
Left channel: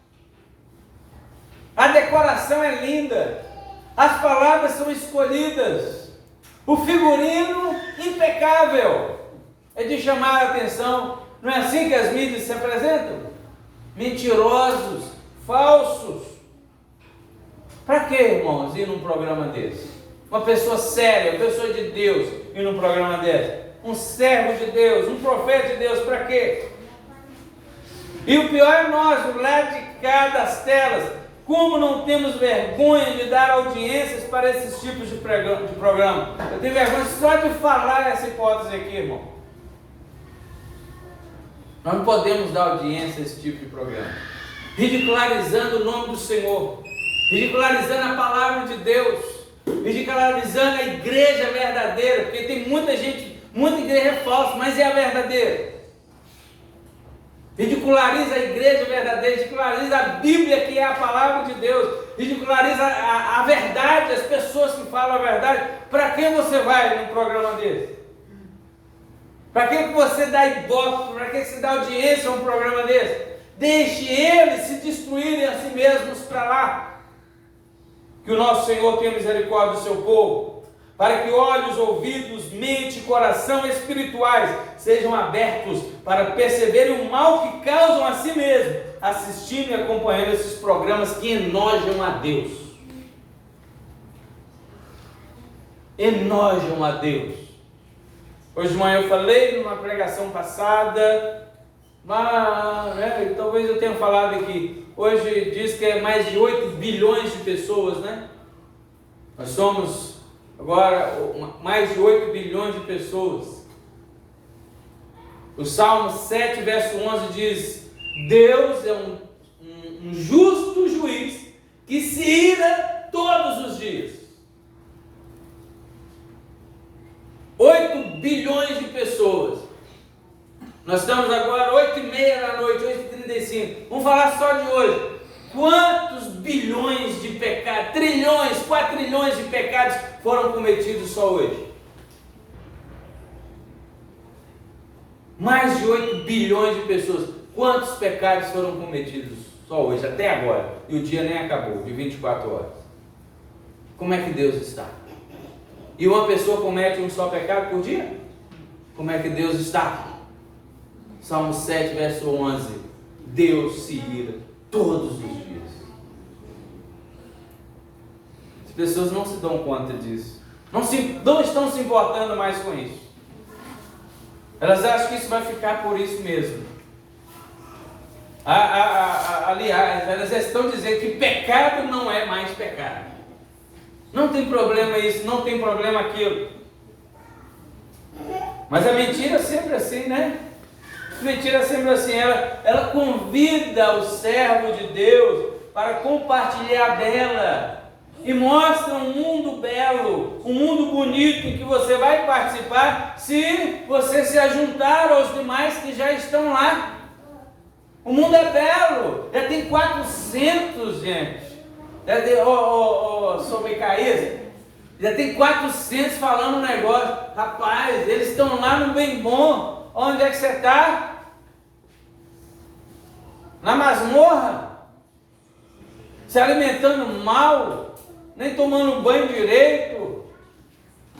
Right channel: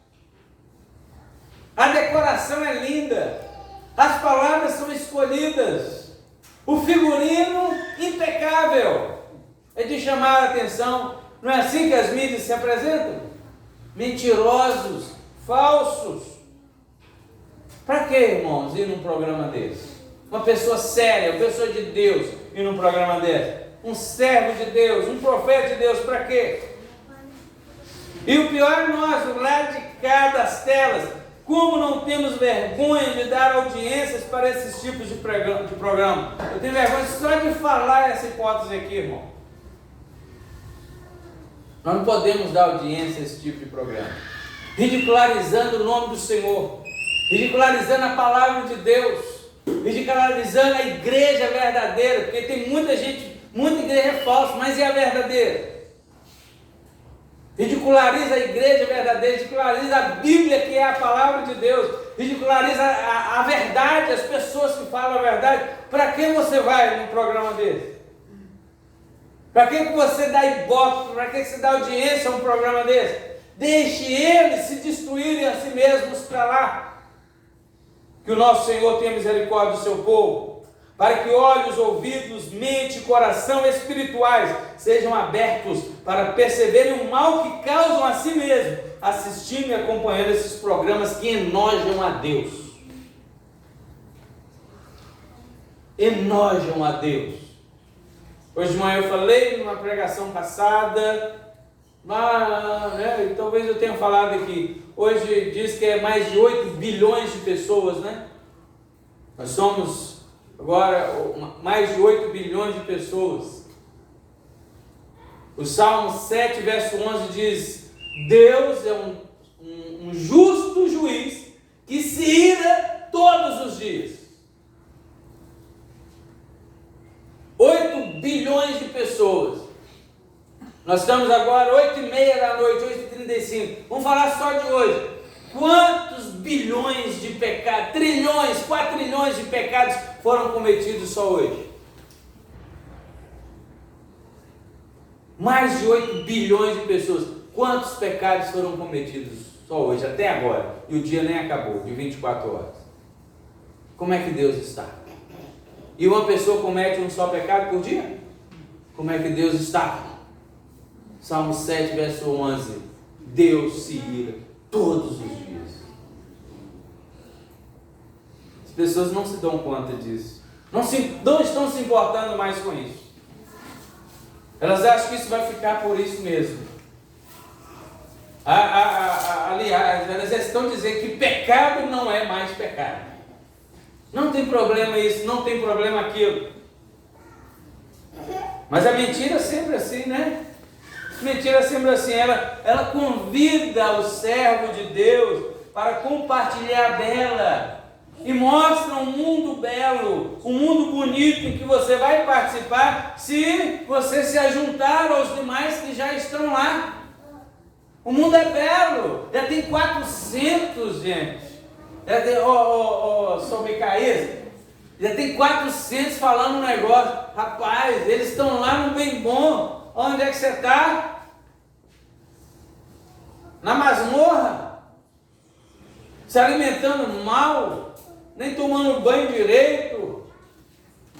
A decoração é linda, as palavras são escolhidas, o figurino impecável, é de chamar a atenção. Não é assim que as mídias se apresentam? Mentirosos, falsos. Para que, irmãos, ir num programa desse? Uma pessoa séria, uma pessoa de Deus, ir num programa desse? Um servo de Deus, um profeta de Deus, para quê? E o pior é nós, do lado de cá das telas, como não temos vergonha de dar audiências para esses tipos de programa? Eu tenho vergonha só de falar essa hipótese aqui, irmão. Nós não podemos dar audiência a esse tipo de programa. Ridicularizando o nome do Senhor, ridicularizando a palavra de Deus, ridicularizando a igreja verdadeira, porque tem muita gente, muita igreja falsa, mas é a verdadeira. Ridiculariza a igreja verdadeira, ridiculariza a Bíblia, que é a palavra de Deus, ridiculariza a verdade, as pessoas que falam a verdade. Para que você vai num programa desse? Para que você dá ibope? Para que você dá audiência a um programa desse? Deixe eles se destruírem a si mesmos para lá. Que o nosso Senhor tenha misericórdia do seu povo, para que olhos, ouvidos, mente e coração espirituais sejam abertos para perceberem o mal que causam a si mesmos, assistindo e acompanhando esses programas que enojam a Deus. Enojam a Deus. Hoje de manhã eu falei numa pregação passada Né, e talvez eu tenha falado aqui, hoje diz que é mais de 8 bilhões de pessoas, né? Nós somos agora mais de 8 bilhões de pessoas. O Salmo 7, verso 11 diz: Deus é um justo juiz que se ira todos os dias. 8 bilhões de pessoas. Nós estamos agora 8h30 da noite, 8h35. Vamos falar só de hoje. Quantos bilhões de pecados, trilhões, 4 trilhões de pecados foram cometidos só hoje? Mais de 8 bilhões de pessoas. Quantos pecados foram cometidos só hoje, até agora? E o dia nem acabou, de 24 horas. Como é que Deus está? E uma pessoa comete um só pecado por dia? Como é que Deus está? Salmo 7, verso 11. Deus se ira todos os dias. As pessoas não se dão conta disso. Não estão se importando mais com isso. Elas acham que isso vai ficar por isso mesmo. Aliás, elas estão dizendo que pecado não é mais pecado. Não tem problema isso, não tem problema aquilo. Mas a mentira é sempre assim, né? Mentira sempre assim, ela convida o servo de Deus para compartilhar dela e mostra um mundo belo, um mundo bonito em que você vai participar se você se ajuntar aos demais que já estão lá. O mundo é belo, já tem 400, gente. Sobre Caís, já tem 400 falando um negócio. Rapaz, eles estão lá no bem bom. Onde é que você está? Na masmorra? Se alimentando mal? Nem tomando banho direito?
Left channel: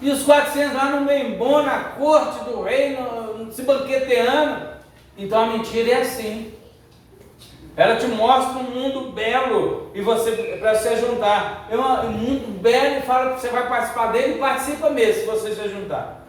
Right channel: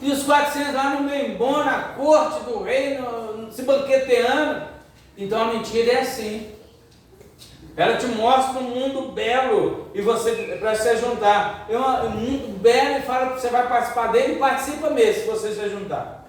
E os 400 lá no bem bom, na corte do rei, se banqueteando? Então a mentira é assim. Ela te mostra um mundo belo e você para se juntar. É um mundo belo e fala que você vai participar dele e participa mesmo se você se juntar.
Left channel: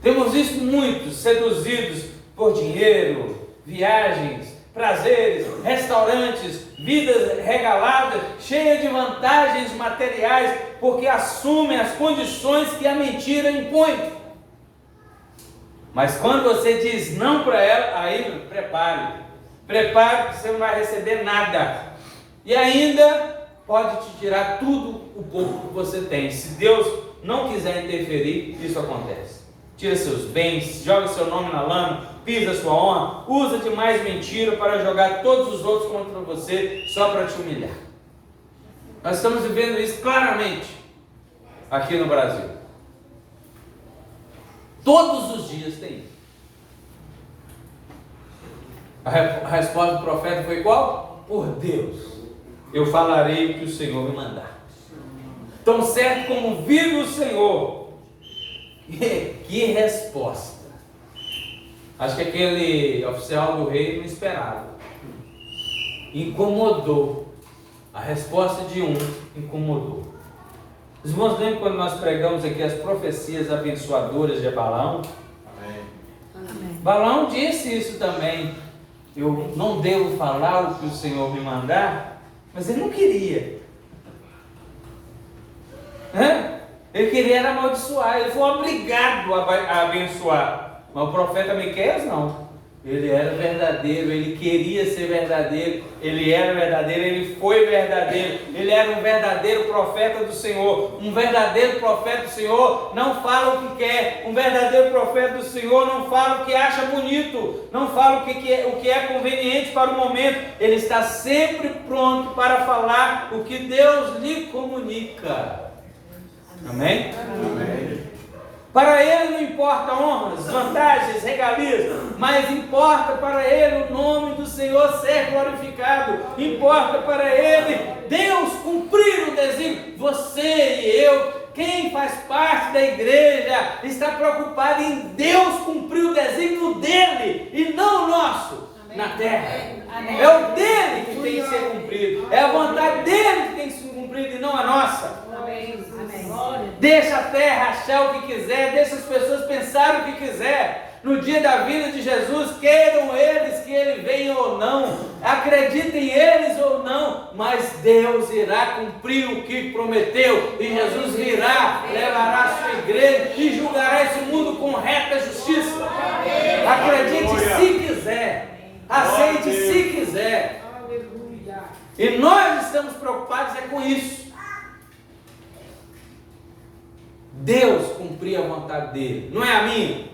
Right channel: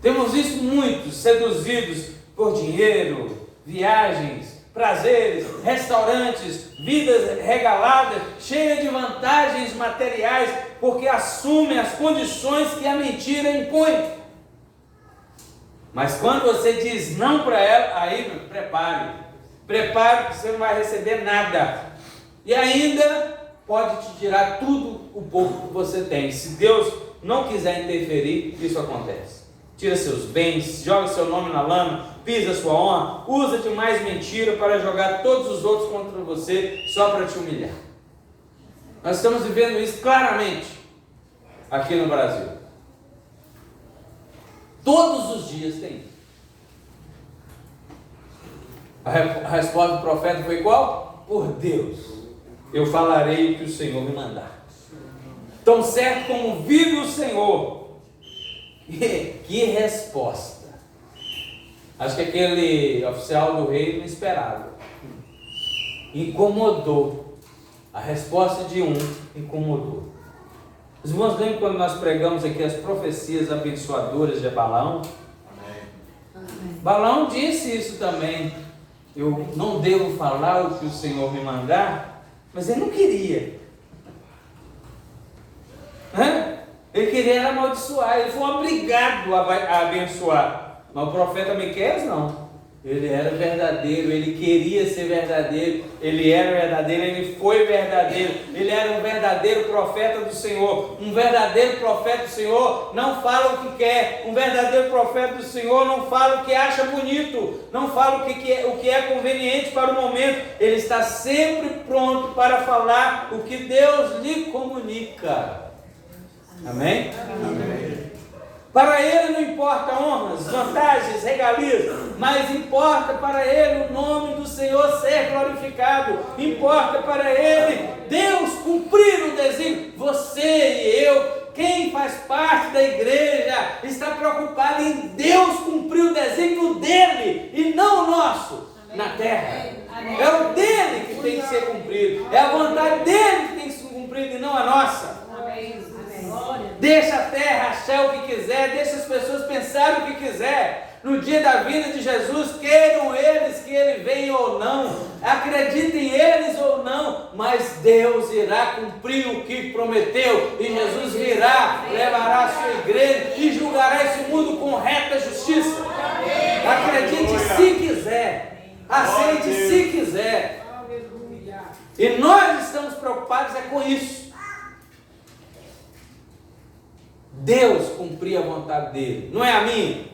Temos visto muitos seduzidos por dinheiro, viagens, prazeres, restaurantes, vidas regaladas, cheias de vantagens materiais, porque assumem as condições que a mentira impõe. Mas quando você diz não para ela, aí prepare que você não vai receber nada. E ainda pode te tirar tudo o pouco que você tem. Se Deus não quiser interferir, isso acontece. Tira seus bens, joga seu nome na lama, pisa sua honra, usa de mais mentira para jogar todos os outros contra você, só para te humilhar. Nós estamos vivendo isso claramente aqui no Brasil. Todos os dias tem isso. A resposta do profeta foi qual? Por Deus, eu falarei o que o Senhor me mandar. Tão certo como vive o Senhor. Que resposta! Acho que aquele oficial do rei não esperava. Incomodou. A resposta de um incomodou. Os irmãos lembram quando nós pregamos aqui as profecias abençoadoras de Balaão? Amém. Balaão disse isso também. Eu não devo falar o que o Senhor me mandar, mas ele não queria. Ele queria era amaldiçoar, ele foi obrigado a abençoar. Mas o profeta Miqueias não. Ele era verdadeiro, ele queria ser verdadeiro, ele era verdadeiro, ele foi verdadeiro, ele era um verdadeiro profeta do Senhor. Um verdadeiro profeta do Senhor não fala o que quer, um verdadeiro profeta do Senhor não fala o que acha bonito, não fala o que é conveniente para o momento, ele está sempre pronto para falar o que Deus lhe comunica. Amém? Amém. Para ele não importa honras, vantagens, regalias, mas importa para ele o nome do Senhor ser glorificado. Importa para ele Deus cumprir o desígnio. Você e eu, quem faz parte da igreja, está preocupado em Deus cumprir o desígnio dele e não o nosso. Amém. Na terra. Amém. É o dele que tem que ser cumprido. É a vontade dele que tem que ser cumprida e não a nossa. Deixa a terra achar o que quiser, deixa as pessoas pensarem o que quiser. no dia da vinda de Jesus, queiram eles que Ele venha ou não, acreditem eles ou não, mas Deus irá cumprir o que prometeu, e Jesus virá, levará a sua igreja e julgará esse mundo com reta justiça. Acredite se quiser, aceite se quiser. E nós estamos preocupados com isso. Deus cumprir a vontade dele, não é a minha.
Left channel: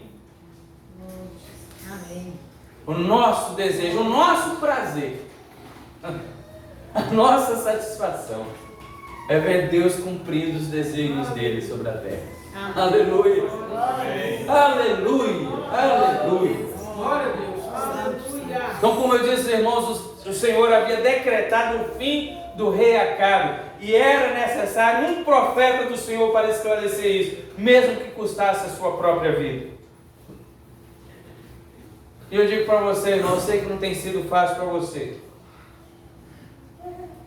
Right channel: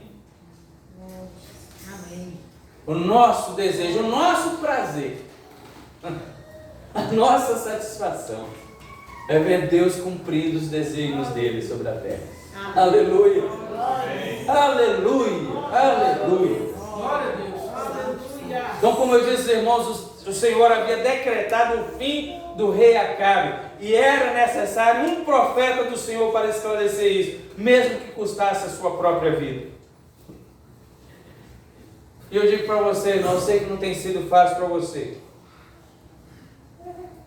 Amém. O nosso desejo, o nosso prazer, a nossa satisfação é ver Deus cumprindo os desígnios dele sobre a terra. Amém. Aleluia. Amém. Aleluia. Aleluia. Glória a Deus. Então, como eu disse, irmãos, o Senhor havia decretado o fim do rei Acabe, e era necessário um profeta do Senhor para esclarecer isso, mesmo que custasse a sua própria vida. E eu digo para você, irmão, eu sei que não tem sido fácil para você.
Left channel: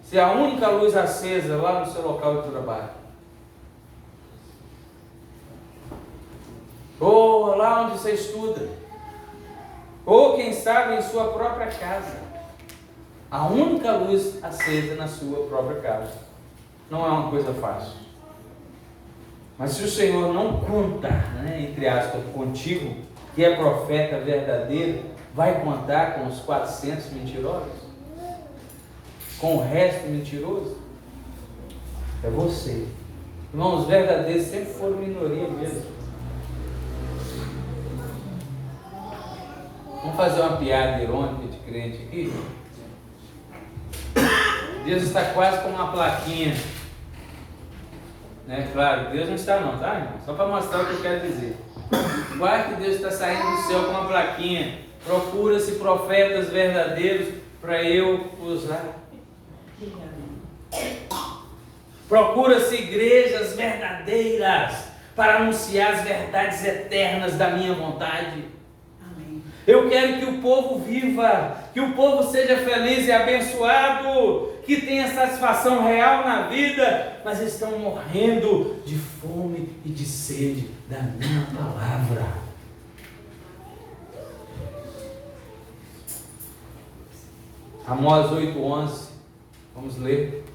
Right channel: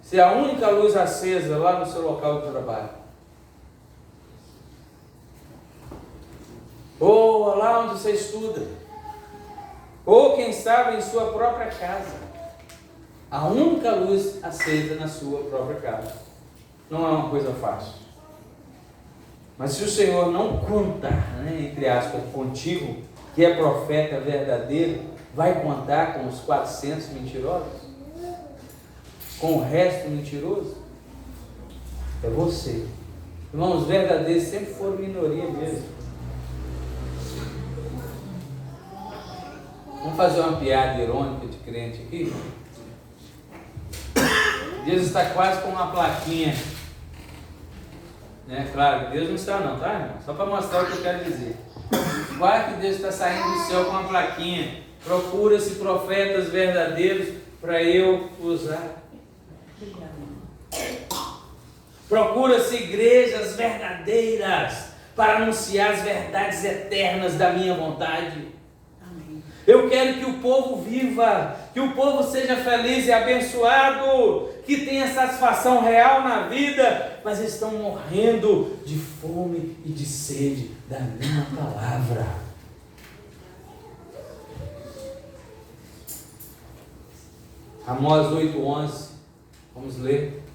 Se a única luz acesa lá no seu local de trabalho, ou lá onde você estuda, ou quem sabe em sua própria casa, a única luz acesa na sua própria casa, não é uma coisa fácil. Mas se o Senhor não contar, entre aspas, contigo, que é profeta verdadeiro, vai contar com os 400 mentirosos? Com o resto mentiroso? É você. Irmãos, os verdadeiros sempre foram minoria mesmo. Vamos fazer uma piada irônica de crente aqui? Deus está quase com uma plaquinha, né? Claro, Deus não está não, tá, irmão? Só para mostrar o que eu quero dizer. Quase que Deus está saindo do céu com uma plaquinha: procura-se profetas verdadeiros para eu usar. Procura-se igrejas verdadeiras para anunciar as verdades eternas da minha vontade. Eu quero que o povo viva, que o povo seja feliz e abençoado, que tenha satisfação real na vida, mas estão morrendo de fome e de sede da minha palavra. Amós 8:11, vamos ler.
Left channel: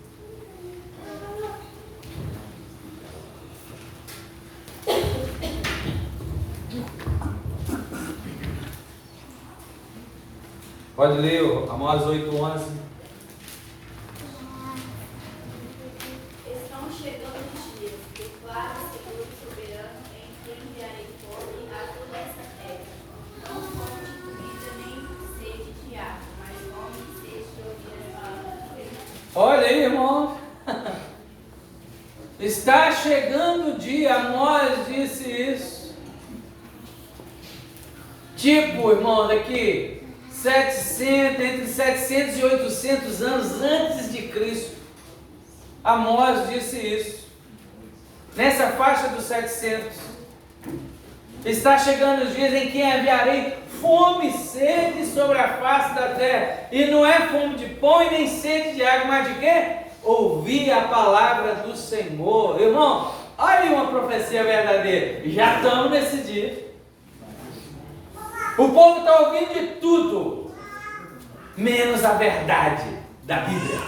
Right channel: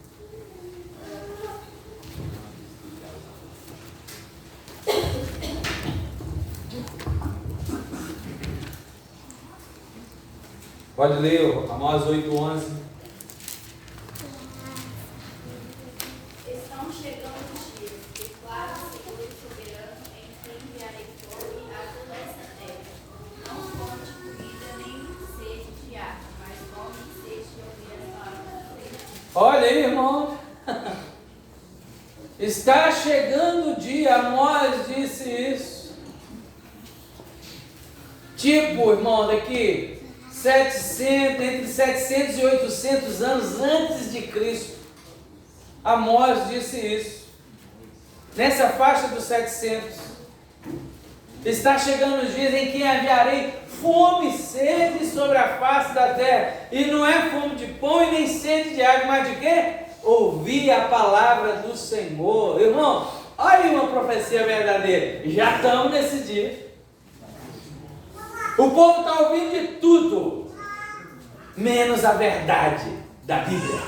Pode ler, Amós 8:11. Estão chegando os dias, declara o Senhor soberano, em que enviarei fome a toda essa terra. Não fome de comida, nem sede de água, mas fome e sede de ouvir as palavras de Deus. Olha aí, irmão. Está chegando o dia, Amós disse isso. Tipo, irmão, daqui entre 700 e 800 anos antes de Cristo, Amós disse isso. Nessa faixa dos 700, está chegando os dias em que enviarei fome e sede sobre a face da terra, e não é fome de pão e nem sede de água, mas de quê? Ouvir a palavra do Senhor. Irmão, olha aí uma profecia verdadeira. Já estamos nesse dia. O povo está ouvindo de tudo, menos a verdade da Bíblia.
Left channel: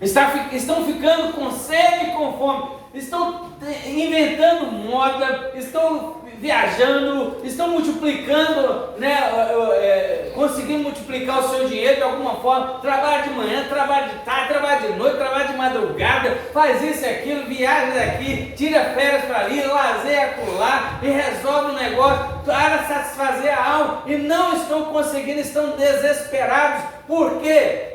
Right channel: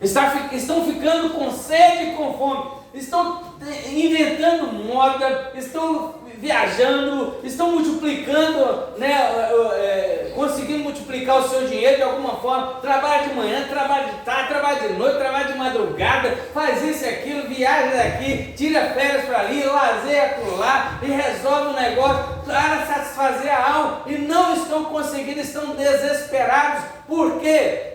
Estão ficando com sede e com fome, estão inventando moda, estão viajando, estão multiplicando, conseguindo multiplicar o seu dinheiro de alguma forma. Trabalha de manhã, trabalha de tarde, trabalha de noite, trabalha de madrugada, faz isso e aquilo, viaja daqui, tira férias para ali, lazeia acolá e resolve um negócio para satisfazer a alma, e não estão conseguindo, estão desesperados. Por quê?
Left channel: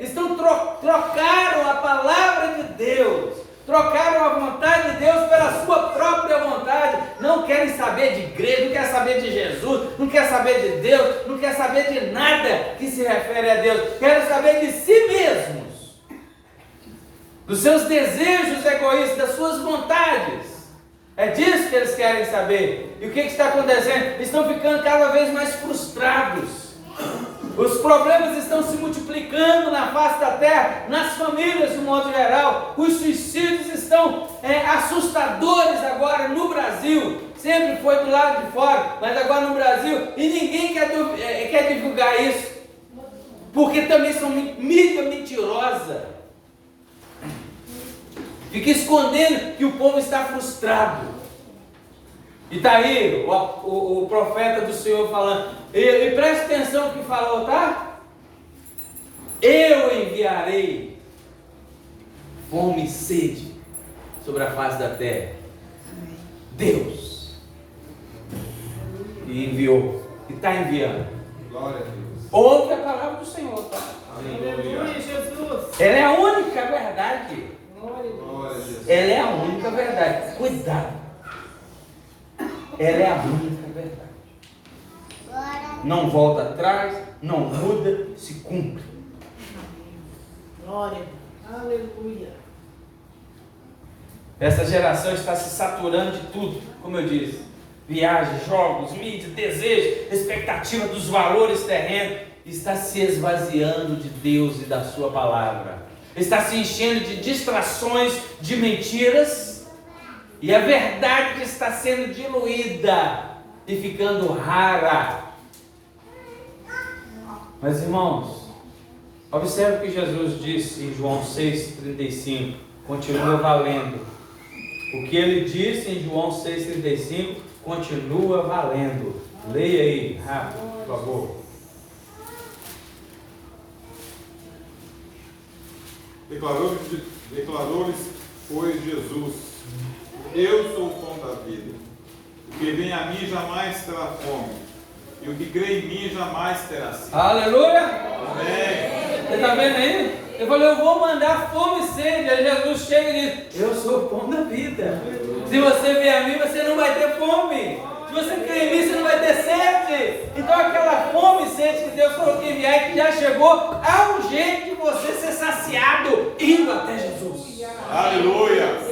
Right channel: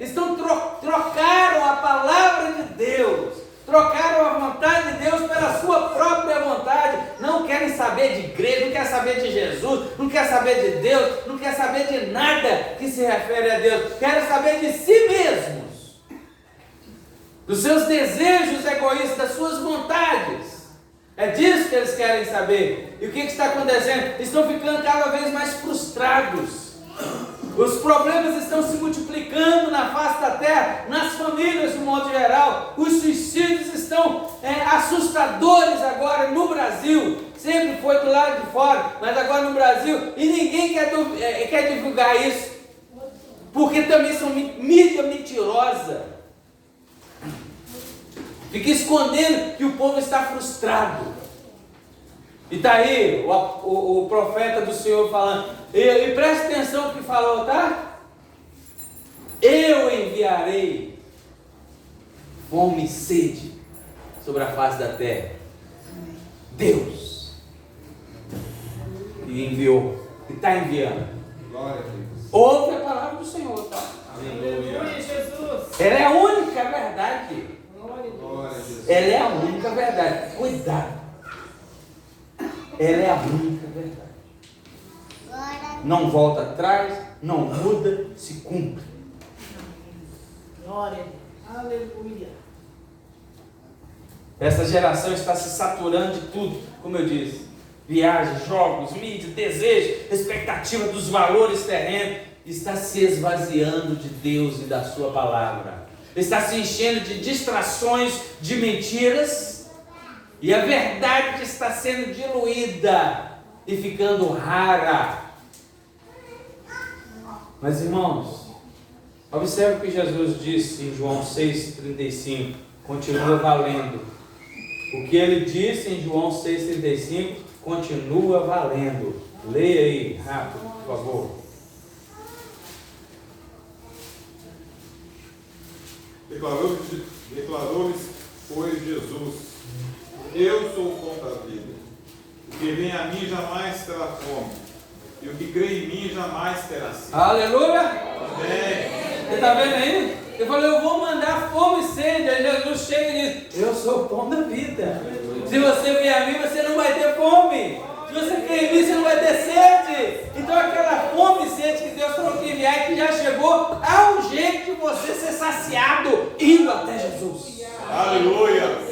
Trocaram a palavra de Deus, trocaram a vontade de Deus pela sua própria vontade. Não querem saber de igreja, não querem saber de Jesus, não querem saber de Deus, não querem saber de nada que se refere a Deus. Querem saber de si mesmos, dos seus desejos egoístas, das suas vontades. É disso que eles querem saber. E o que está acontecendo? Estão ficando cada vez mais frustrados. Os problemas estão se multiplicando na face da terra, nas famílias de um modo geral. Os suicídios estão assustadores agora no Brasil. Sempre lado de fora, mas agora no Brasil, e ninguém quer divulgar isso, porque também são mídia mentirosa. Fica escondendo que o povo está frustrado. E está aí o profeta do Senhor falando, e preste atenção no que falou, tá? Eu enviarei fome e sede sobre a face da terra. Deus. E enviou. E está enviando. Glória a Deus. Ouve a palavra do Senhor, tá? Aleluia, Jesus. Ela é a única verdade. Glória a Jesus. Ela é a única verdade. Cuidado. Ela é a única verdade. Não volta atrás, não muda, se cumpre. Glória. Aleluia. Essa geração está se saturando de tudo, como eu disse. Viagens, jogos, mídia, desejo, expectativa dos valores terrenos. Está se esvaziando de Deus e da sua palavra. Está se enchendo de distrações, de mentiras. E a verdade está sendo diluída e ficando rara. Mas irmãos, observe o que Jesus disse em João 6,35. Continua valendo. O que ele disse em João 6,35 continua valendo. Leia aí, rápido, por favor. Declarou-lhes, pois, Jesus: Eu sou o pão da vida. O que vem a mim jamais terá fome, e o que crê em mim jamais terá sede. Aleluia! Amém. Você está vendo aí? Eu falei, eu vou mandar fome e sede. Aí Jesus chega e diz, eu sou o pão da vida. Se você vier a mim, você não vai ter fome. Se você crer em mim, você não vai ter sede. Então aquela fome e sede que Deus falou que enviar e que já chegou, há um jeito de você ser saciado, indo até Jesus. Aleluia.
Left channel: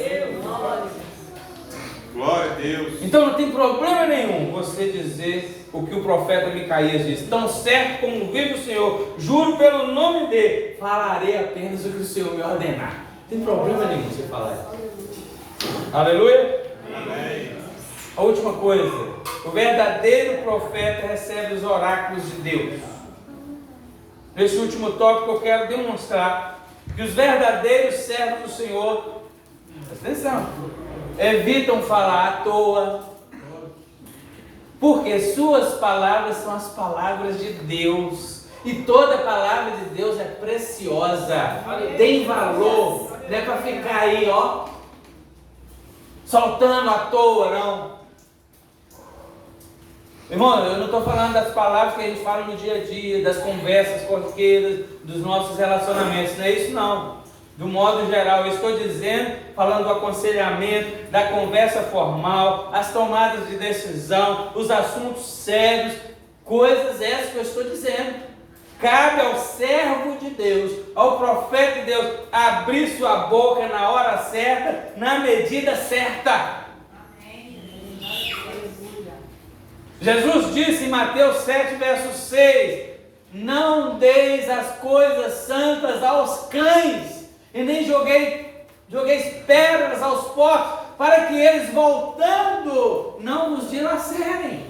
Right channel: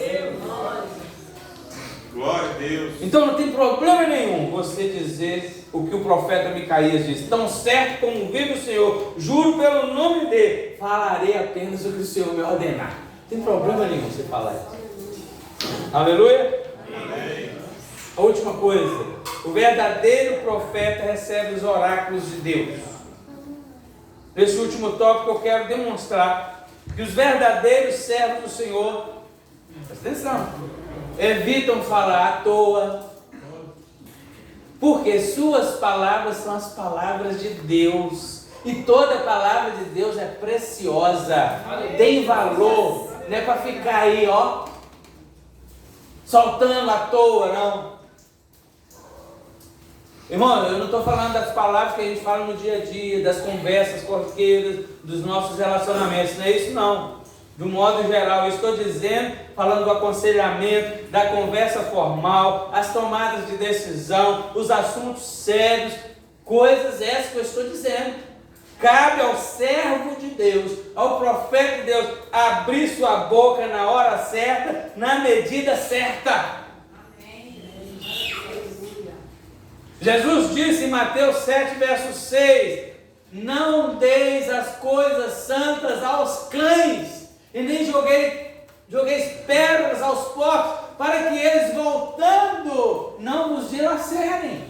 Glória a Deus. Então não tem problema nenhum você dizer o que o profeta Micaías disse. Tão certo como vive o Senhor, juro pelo nome dele, falarei apenas o que o Senhor me ordenar. Não tem problema nenhum você falar isso. Aleluia. Amém. A última coisa, o verdadeiro profeta recebe os oráculos de Deus. Nesse último tópico eu quero demonstrar que os verdadeiros servos do Senhor, presta atenção, evitam falar à toa, porque suas palavras são as palavras de Deus, e toda palavra de Deus é preciosa, tem valor, não é para ficar aí, ó, soltando à toa, não. Irmão, eu não estou falando das palavras que a gente fala no dia a dia, das conversas corriqueiras, dos nossos relacionamentos, não é isso não. Do modo geral, eu estou dizendo, falando do aconselhamento, da conversa formal, as tomadas de decisão, os assuntos sérios, coisas essas que eu estou dizendo. Cabe ao servo de Deus, ao profeta de Deus, abrir sua boca na hora certa, na medida certa. Jesus disse em Mateus 7, verso 6, não deis as coisas santas aos cães, e nem jogueis pedras aos porcos, para que eles voltando não vos dilacerem.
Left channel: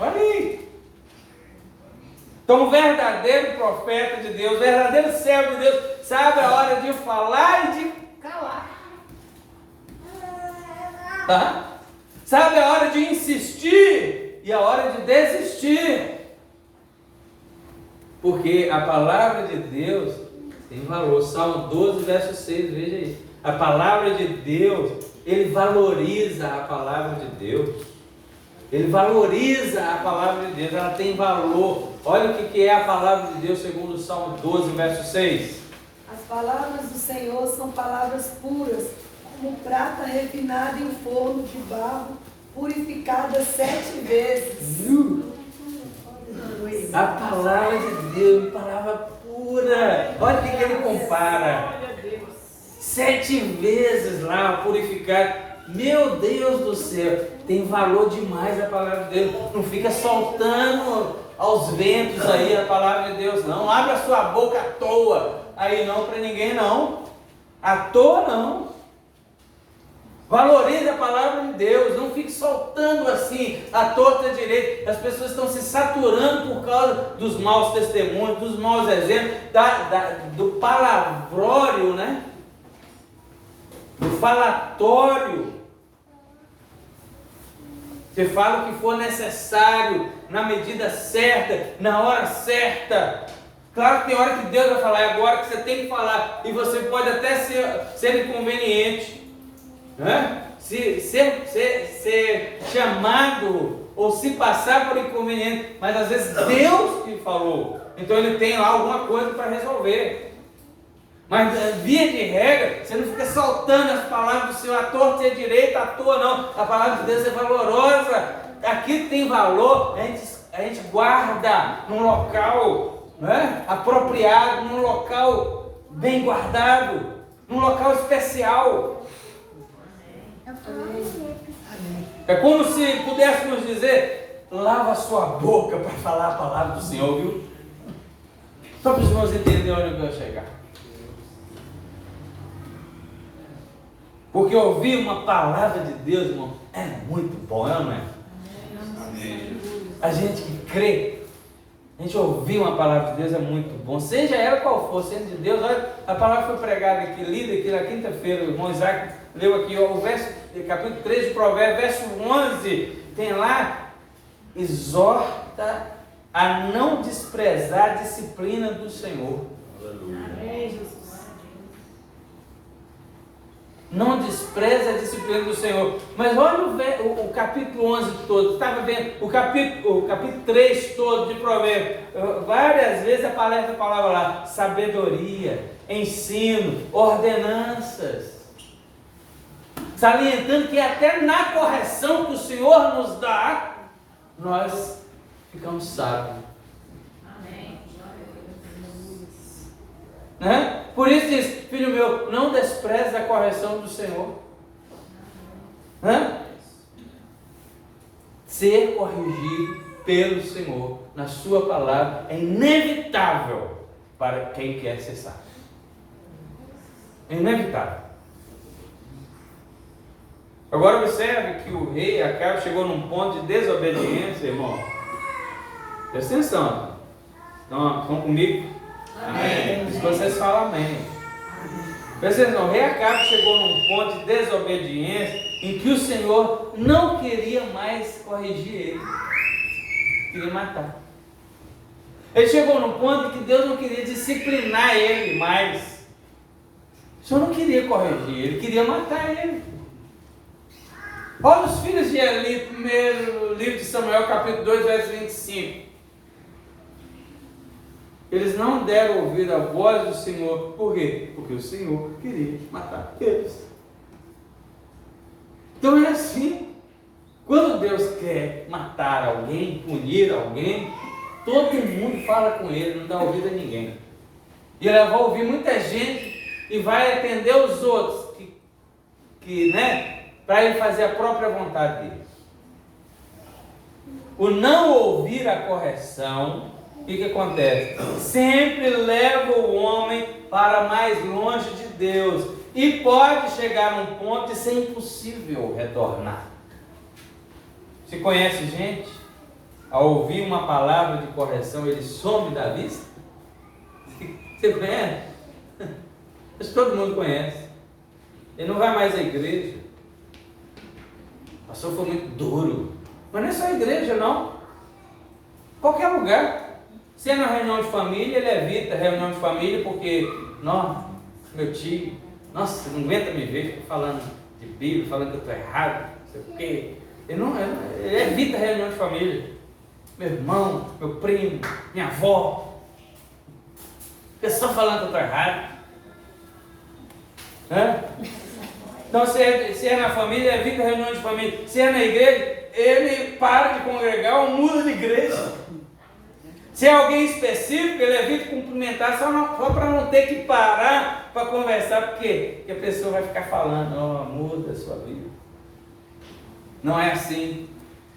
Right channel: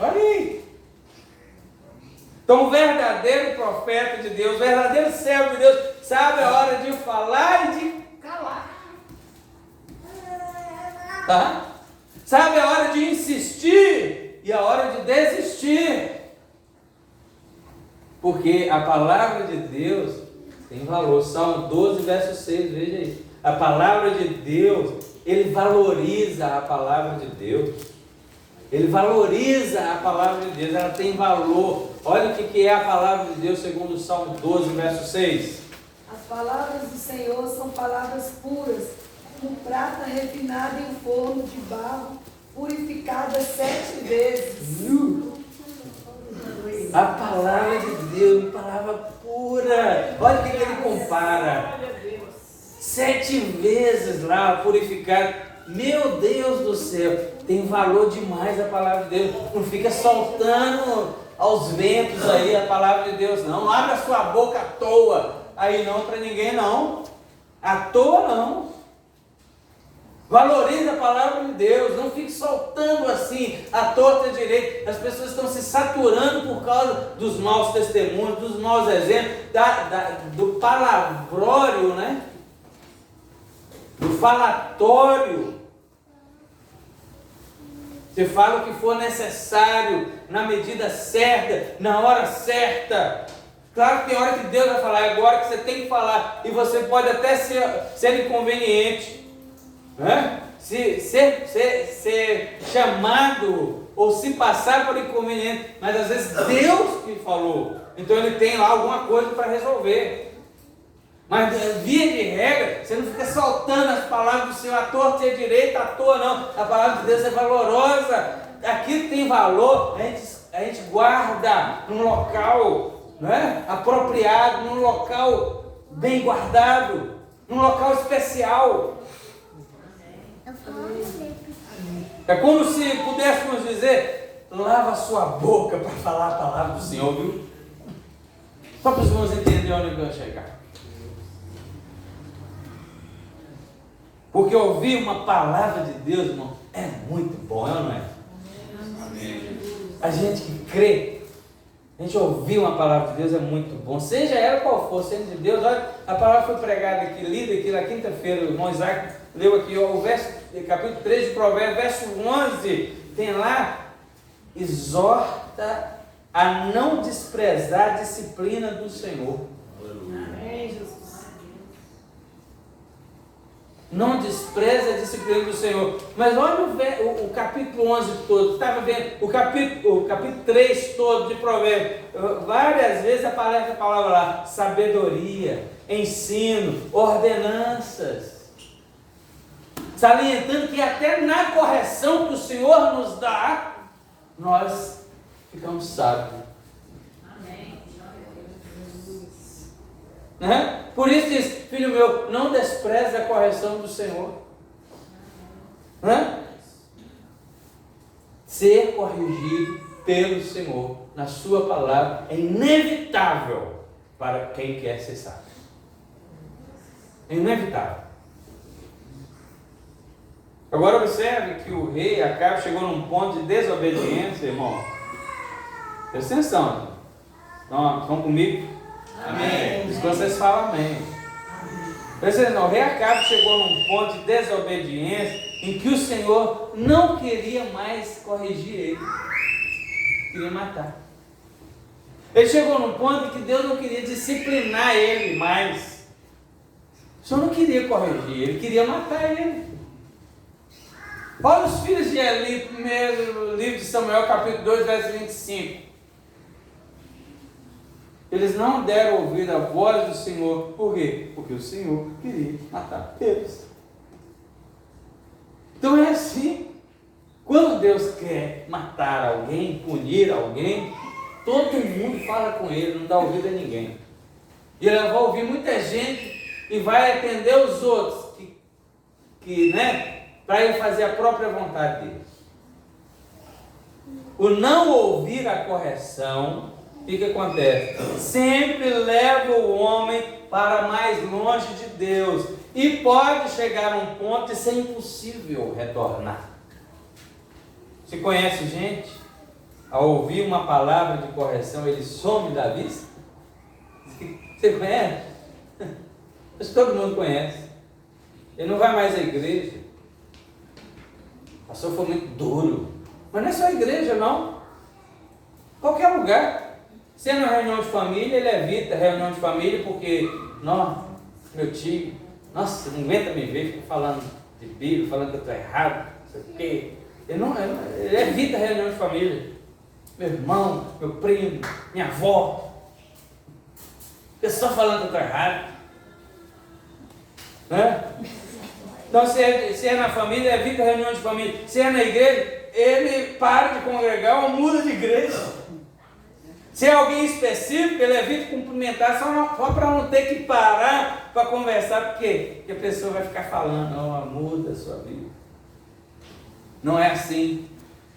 Olha aí. Então o verdadeiro profeta de Deus, o verdadeiro servo de Deus, sabe a hora de falar e de calar. Tá? Sabe a hora de insistir e a hora de desistir. Porque a palavra de Deus tem valor. Salmo 12, verso 6, veja aí. A palavra de Deus, ele valoriza a palavra de Deus. Ele valoriza a palavra de Deus, ela tem valor. Olha o que é a palavra de Deus segundo o Salmo 12, verso 6. As palavras do Senhor são palavras puras, como prata refinada em forno de barro, purificada 7 vezes. A palavra de Deus, palavra pura. Olha o que ele compara. 7 vezes lá, purificado. Meu Deus do céu, tem valor demais a palavra de Deus. Não fica soltando aos ventos aí a palavra de Deus, não. Abre a sua boca à toa. Aí não para ninguém, não. À toa, não. Valorize a palavra de Deus, não fique soltando assim, a torta e a direita. As pessoas estão se saturando por causa dos maus testemunhos, dos maus exemplos, do palavrório, né? Do falatório. Você fala o que for necessário, na medida certa, na hora certa. Claro que tem hora que Deus vai falar, é agora que você tem que falar, e você pode até ser inconveniente. Né? Ser chamado ou se passar por inconveniente, mas às vezes Deus que falou, então Ele tem lá alguma coisa para resolver. Mas via de regra, você não fica soltando as palavras do Senhor à torta e à direita, à toa não. A palavra de Deus é valorosa. Aquilo que tem valor, a gente guarda num local, né, apropriado, num local bem guardado, num local especial. É como se pudéssemos dizer, lava a sua boca para falar a palavra do Senhor, viu? Só para os irmãos entenderem onde eu vou chegar. Porque ouvir uma palavra de Deus, irmão, é muito bom, não é? Amém. A gente que crê, a gente ouvir uma palavra de Deus é muito bom, seja ela qual for, sendo de Deus. Olha, a palavra foi pregada aqui, lida aqui na quinta-feira, o irmão Isaac leu aqui, ó, o verso, capítulo 3 de Provérbios, verso 11, tem lá, exorta a não desprezar a disciplina do Senhor. Amém, Jesus. Não despreza a disciplina do Senhor. Mas olha o capítulo 11 todo. Estava vendo o capítulo 3 todo de Provérbios. Várias vezes aparece a palavra lá: sabedoria, ensino, ordenanças. Salientando que até na correção que o Senhor nos dá, nós ficamos sábios. Amém. Né? Por isso diz, filho meu, não despreze a correção do Senhor. Né? Ser corrigido pelo Senhor na sua palavra é inevitável para quem quer ser sábio. É inevitável. Agora observe que o rei Acabe chegou num ponto de desobediência, irmão. Presta atenção. Estão comigo? Amém. Isso vocês falam amém. Presta atenção, o rei Acabe chegou num ponto de desobediência em que o Senhor não queria mais corrigir ele. Queria matar. Ele chegou num ponto em que Deus não queria disciplinar ele mais. O Senhor não queria corrigir, ele queria matar ele. Olha os filhos de Eli, primeiro livro de Samuel, capítulo 2, verso 25. Eles não deram ouvido à voz do Senhor. Por quê? Porque o Senhor queria matar eles. Então é assim. Quando Deus quer matar alguém, punir alguém, todo mundo fala com ele, não dá ouvido a ninguém. E ele vai ouvir muita gente e vai atender os outros, né, para ele fazer a própria vontade dele. O não ouvir a correção, o que acontece? Sempre leva o homem para mais longe de Deus e pode chegar a um ponto de ser impossível retornar. Você conhece gente, ao ouvir uma palavra de correção, ele some da vista? Você conhece? Acho que todo mundo conhece. Ele não vai mais à igreja. O pastor foi muito duro. Mas não é só a igreja, não. Qualquer lugar. Se é na reunião de família, ele evita a reunião de família porque, nossa, meu tio, nossa, não aguenta me ver, fica falando de Bíblia, falando que eu estou errado, não sei o quê. Ele evita a reunião de família. Meu irmão, meu primo, minha avó. Fica só falando que eu estou errado. Né? Então, se é na família, evita a reunião de família. Se é na igreja, ele para de congregar ou muda de igreja. Se é alguém específico, ele evita cumprimentar só para não ter que parar para conversar, porque a pessoa vai ficar falando, muda a sua vida. Não é assim.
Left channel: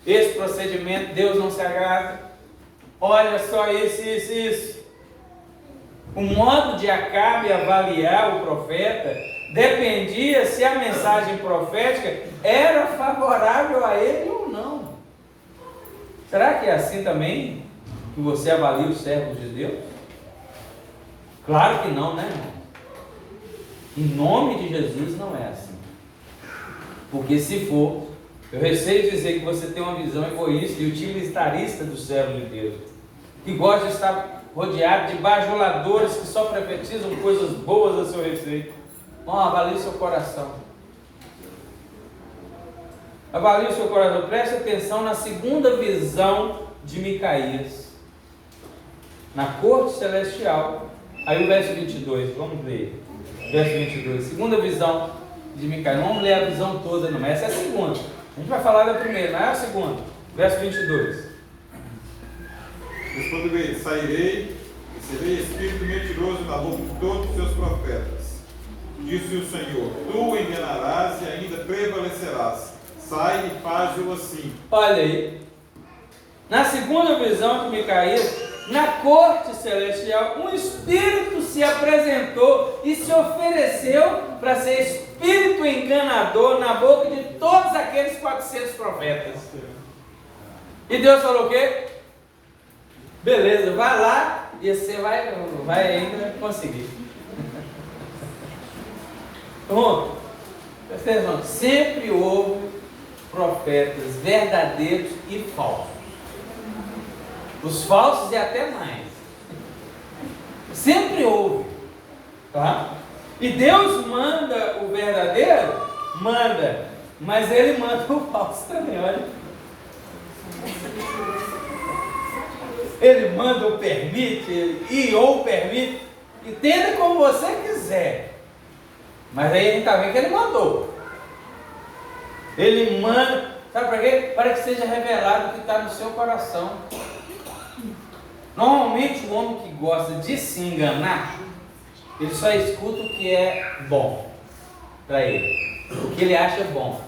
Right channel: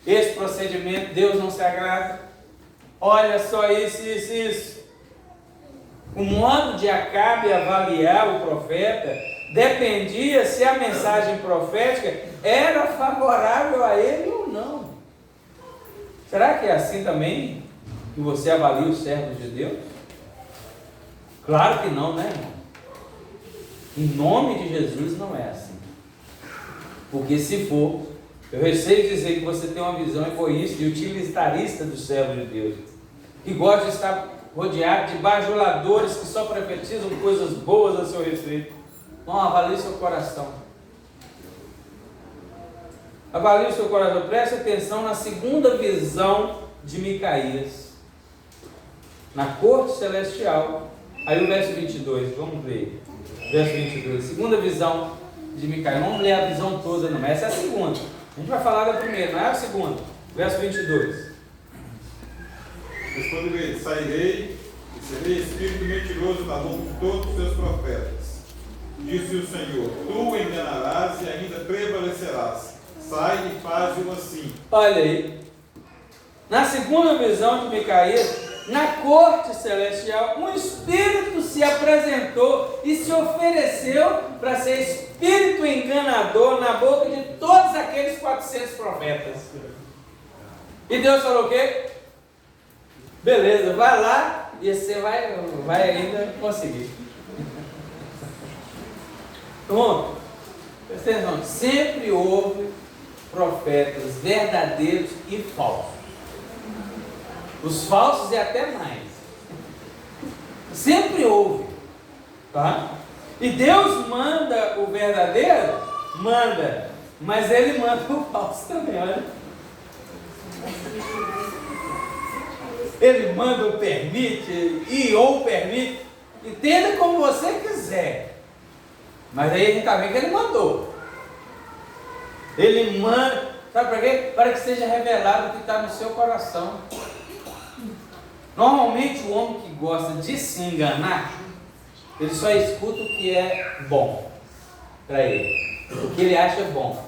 Esse procedimento, Deus não se agrada. Olha só isso. O modo de Acabe avaliar o profeta dependia se a mensagem profética era favorável a ele ou não. Será que é assim também que você avalia os servos de Deus? Claro que não, né, irmão? Em nome de Jesus não é assim. Porque se for, eu receio dizer que você tem uma visão egoísta e utilitarista do servo de Deus, que gosta de estar rodeado de bajuladores que só profetizam coisas boas a seu respeito. Não, avalie seu coração. Avalie o seu coração. Preste atenção na segunda visão de Micaías. Na corte celestial. Aí o verso 22, vamos ler. Verso 22, segunda visão de Micaías. Vamos ler a visão toda, não. Essa é a segunda. A gente vai falar da primeira, não é a segunda. Verso 22. Responde ele: sairei e serei espírito mentiroso na boca de todos os seus profetas. Disse o Senhor: tu enganarás e ainda prevalecerás. Sai e faz-o assim. Olha aí. Na segunda visão de Micaías, na corte celestial, um espírito se apresentou e se ofereceu para ser espírito enganador na boca de todos aqueles 400 profetas. E Deus falou o quê? Beleza, vai lá e você vai ainda conseguir. Bom, sempre houve profetas verdadeiros e falsos. Os falsos e até mais. Sempre houve. Tá? E Deus manda o verdadeiro? Manda. Mas Ele manda o falso também, olha. Ele manda ou permite, ou permite. Entenda como você quiser. Mas aí a gente está vendo que Ele mandou. Ele manda, sabe para quê? Para que seja revelado o que está no seu coração. Normalmente o homem que gosta de se enganar, ele só escuta o que é bom para ele, o que ele acha bom,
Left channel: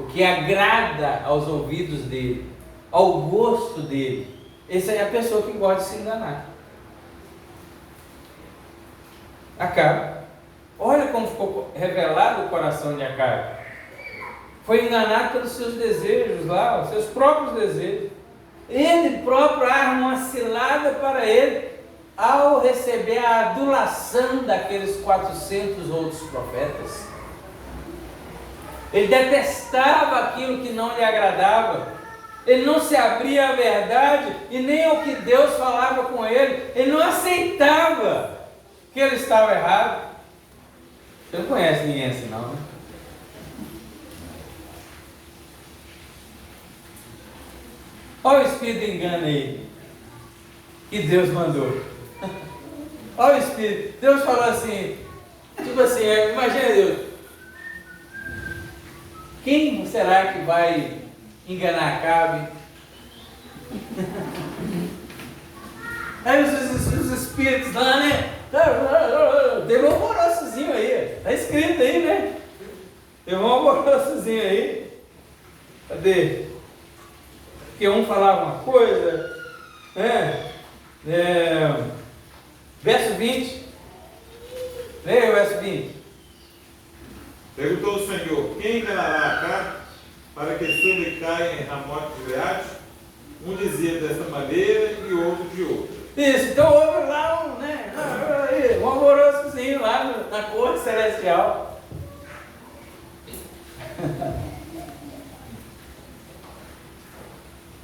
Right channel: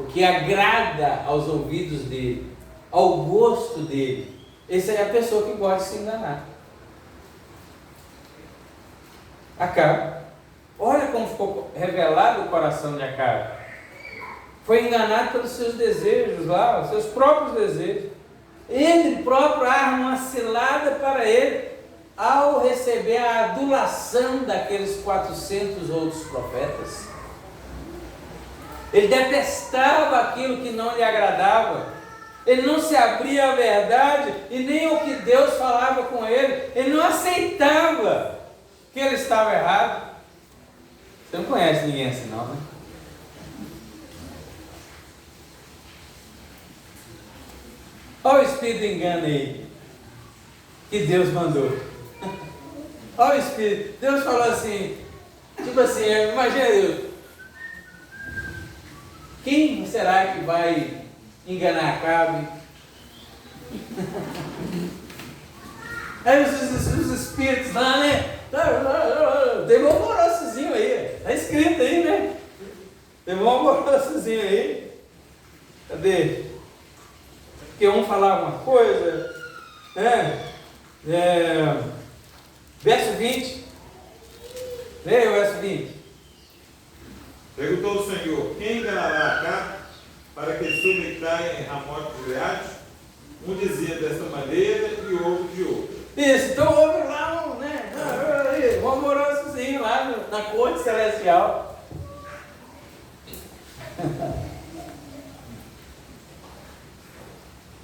o que agrada aos ouvidos dele, ao gosto dele. Essa é a pessoa que gosta de se enganar. Acabe. Olha como ficou revelado o coração de Acabe. Foi enganado pelos seus desejos lá, os seus próprios desejos. Ele próprio arma uma cilada para ele ao receber a adulação daqueles 400 outros profetas. Ele detestava aquilo que não lhe agradava. Ele não se abria à verdade e nem ao que Deus falava com ele. Ele não aceitava que ele estava errado. Você não conhece ninguém assim não, né? Olha o espírito de engano aí, que Deus mandou. Olha o espírito. Deus falou assim, tipo assim, imagina Deus. Quem será que vai enganar Acabe? Aí os espíritos lá, né? Teve um alvoroçozinho aí, tá escrito aí, né? Teve um alvoroçozinho aí. Cadê? Porque um falava uma coisa, né? Verso 20. Leia o verso 20. Perguntou o Senhor: quem enganará Acabe para que suba e caia em Ramote-Gileade? Um dizia desta maneira e outro de outra. Isso, então houve lá um alvoroçozinho lá na corte celestial.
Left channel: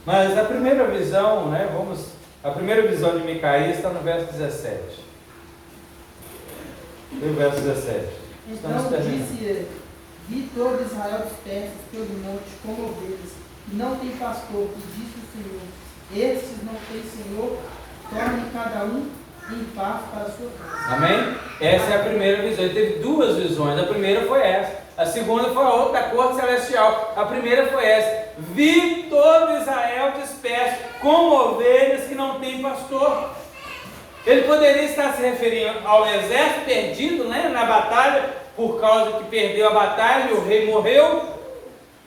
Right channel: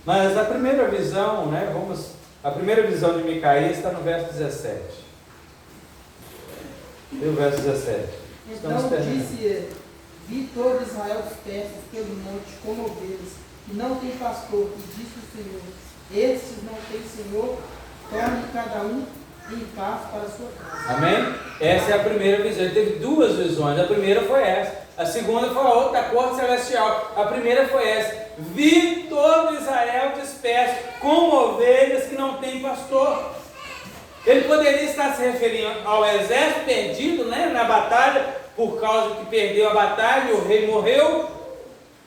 Mas a primeira visão, né? A primeira visão de Micaías está no verso 17. E o verso 17. Então disse ele: vi todo Israel dispersos pelo monte como ovelhas, e não tem pastor, e disse o Senhor: estes não têm Senhor, torne cada um em paz para a sua casa. Amém? Essa é a primeira visão. Ele teve duas visões. A primeira foi essa. A segunda foi a outra da corte celestial. A primeira foi essa. Vi todo Israel disperso, como ovelhas que não têm pastor. Ele poderia estar se referindo ao exército perdido, né, na batalha, por causa que perdeu a batalha e o rei morreu.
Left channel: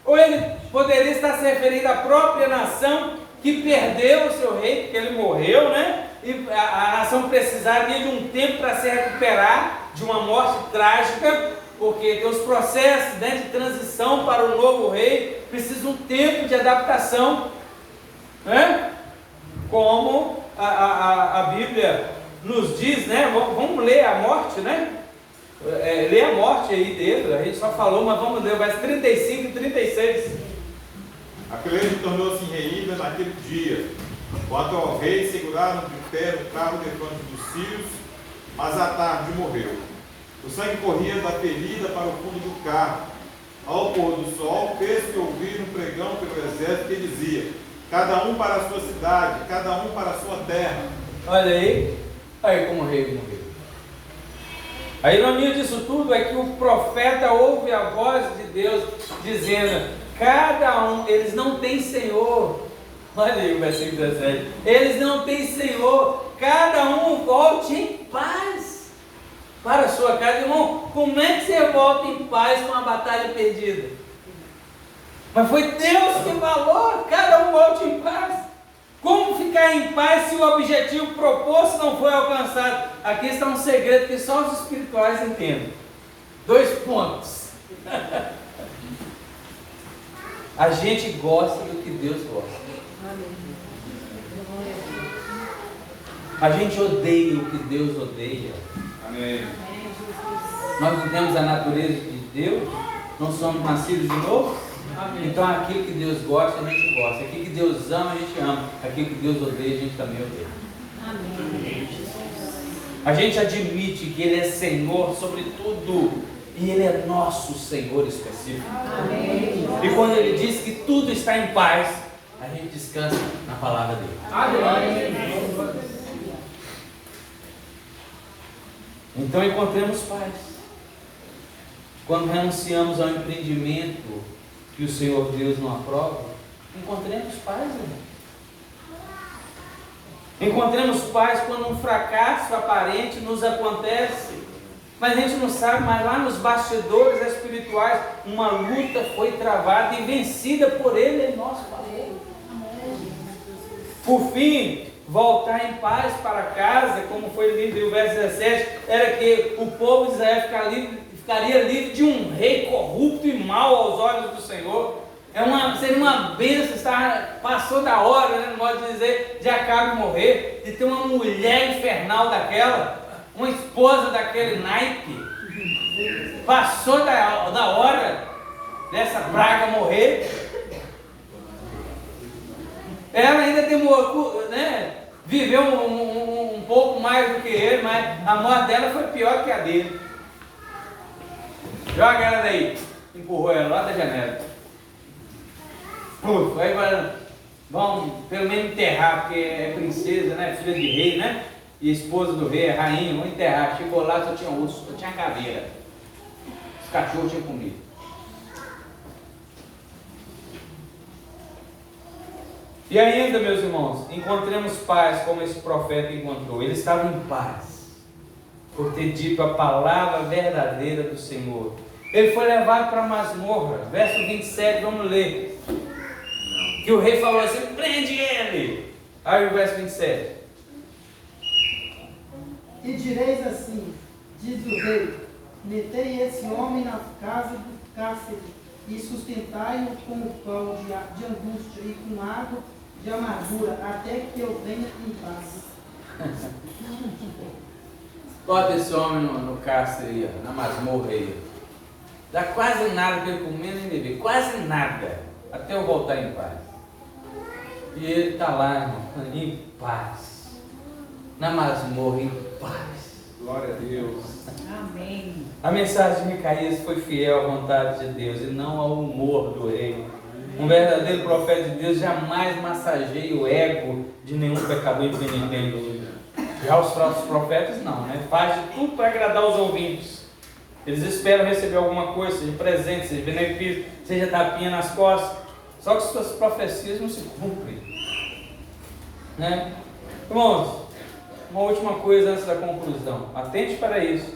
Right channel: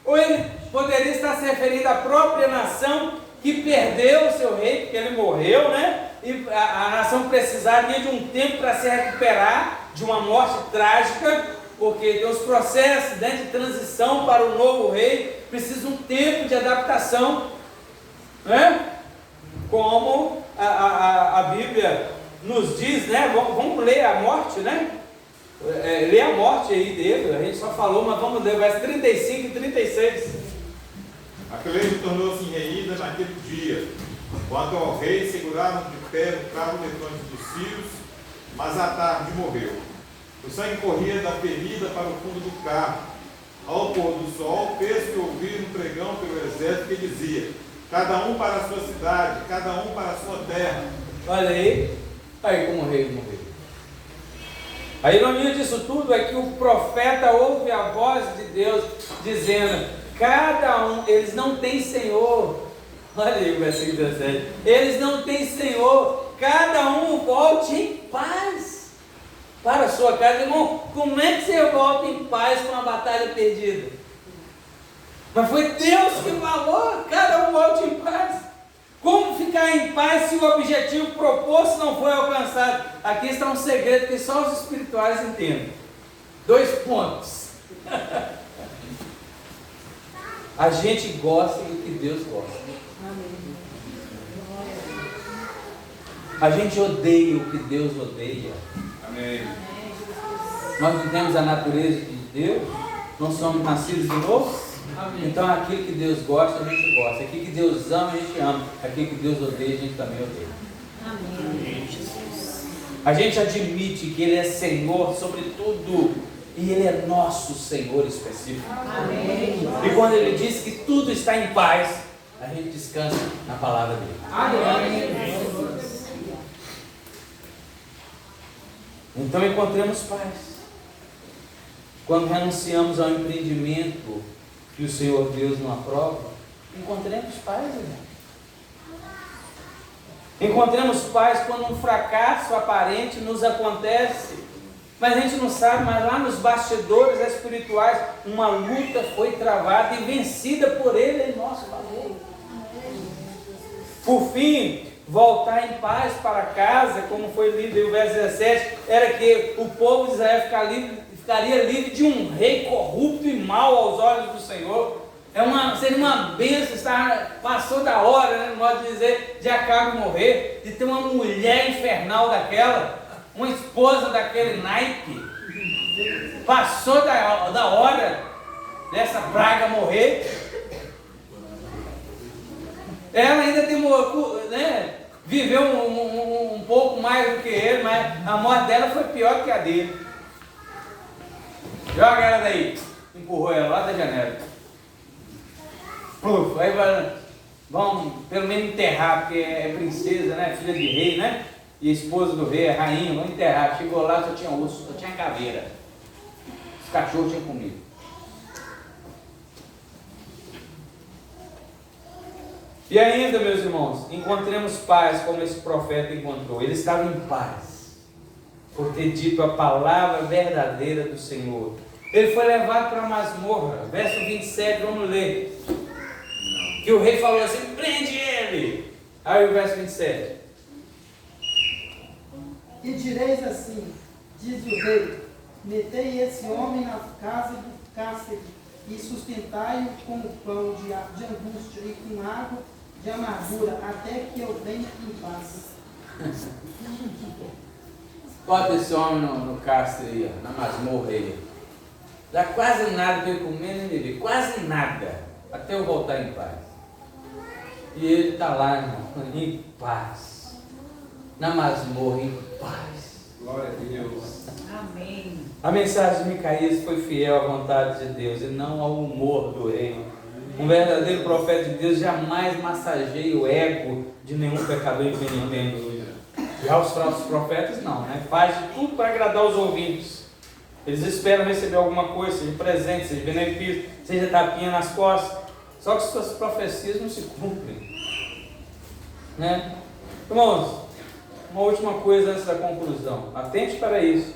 Ou ele poderia estar se referindo à própria nação que perdeu o seu rei, porque ele morreu, né? e a nação precisaria de um tempo para se recuperar de uma morte trágica, porque tem os processos, né, de transição para o novo rei, precisa um tempo de adaptação, né? Como a Bíblia nos diz, né? Vamos ler a morte, né? Lê a morte aí dele, a gente só falou, mas vamos ler o verso 35 e 36. A peleja tornou-se enreída naquele dia. Quanto ao rei, seguraram de pé o carro levante dos cios, mas à tarde morreu. O sangue corria da ferida para o fundo do carro. Ao pôr do sol, fez-se ouvir um pregão pelo exército que dizia: cada um para a sua cidade, cada um para a sua terra. Olha aí como o rei morreu. A ironia disso tudo é que o profeta ouve a voz de Deus dizendo: cada um, eles não têm Senhor. Olha aí o versículo 17. Eles não têm Senhor, cada um volte em paz para a sua casa. Irmão, como é que você volta em paz com uma batalha perdida? Mas foi Deus que falou: cada um volte em paz. Como ficar em paz se o objetivo proposto não foi alcançado? Aqui está um segredo que só os espirituais entendem. 2 pontos. A gente gosta do que Deus gosta. A gente odeia o que Deus odeia. Amém. Nós não temos a natureza de Deus, não somos nascidos de novo. Amém. Então aquilo que Deus gosta, a gente gosta. Aquilo que Deus ama, a gente ama. Aquilo que Deus odeia, a gente também odeia. Amém. A gente admite que Ele é Senhor sobre tudo. E Ele é nosso Senhor específico. Amém. E quando Ele diz que tudo está em paz, a gente descansa na palavra dEle. Amém. Então encontremos paz. Quando renunciamos ao empreendimento que o Senhor Deus não aprova, encontremos paz, irmão. Encontremos paz quando um fracasso aparente nos acontece, mas a gente não sabe, mas lá nos bastidores espirituais, uma luta foi travada e vencida por Ele em nosso favor. Por fim, voltar em paz para casa, como foi lido em verso 17, era que o povo de Israel ficaria livre de um rei corrupto e mau aos olhos do Senhor. Seria uma bênção, passou da hora, né, no modo de dizer, de Acabe morrer, de ter uma mulher infernal daquela, uma esposa daquele naipe. Passou da hora dessa praga morrer. Ela ainda demorou, né, viveu um pouco mais do que ele, mas a morte dela foi pior que a dele. Joga ela daí, empurrou ela lá da janela. Aí vão pelo menos enterrar, porque é princesa, né, filha de rei, né, e esposa do rei, é rainha, vão enterrar. Chegou lá, só tinha osso, só tinha caveira. Os cachorros tinham comido. E ainda, meus irmãos, encontremos paz como esse profeta encontrou. Ele estava em paz por ter dito a palavra verdadeira do Senhor. Ele foi levado para a masmorra. Verso 27, vamos ler. Que o rei falou assim: prende ele. Aí o verso 27. E direis assim, diz o rei: metei esse homem na casa do cárcere e sustentai-o com o pão de angústia e com água de amargura, até que eu venha em paz. Bota esse homem no cárcere aí, ó, na masmorra aí. Dá quase nada para ele comer nem beber, quase nada, até eu voltar em paz. E ele está lá, irmão, em paz, na masmorra, em paz. Glória a Deus. Amém. A mensagem de Micaías foi fiel à vontade de Deus e não ao humor do rei. Um verdadeiro profeta de Deus jamais massageia o ego de nenhum pecador impenitente. Já os falsos profetas não, né? Faz de tudo para agradar os ouvintes. Eles esperam receber alguma coisa, seja presente, seja benefício, seja tapinha nas costas. Só que suas profecias não se cumprem, né? Irmãos, uma última coisa antes da conclusão. Atente para isso.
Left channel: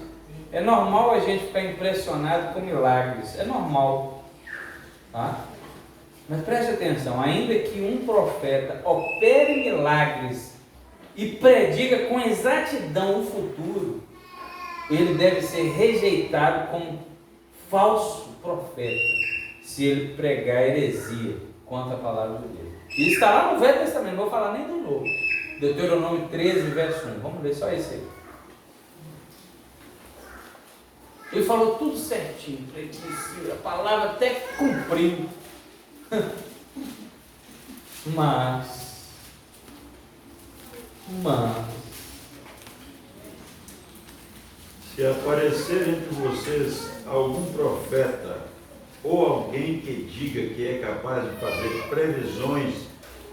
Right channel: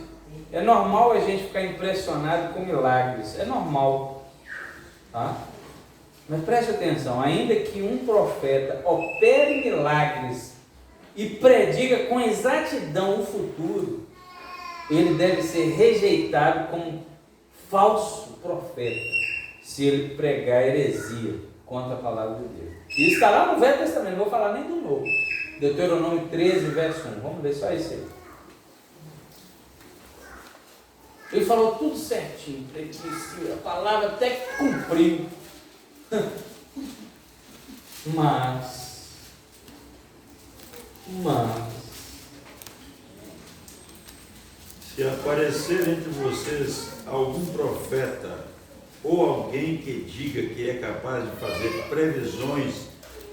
É normal a gente ficar impressionado com milagres. É normal, tá? Mas preste atenção, ainda que um profeta opere milagres, e prediga com exatidão o futuro, ele deve ser rejeitado como falso profeta, se ele pregar heresia contra a palavra de Deus. E está lá no Velho Testamento, não vou falar nem do Novo. Deuteronômio 13, verso 1. Vamos ver só isso aí. Ele falou tudo certinho. Ele disse, a palavra até que cumpriu. Mas, se aparecer entre vocês algum profeta ou alguém que diga que é capaz de fazer previsões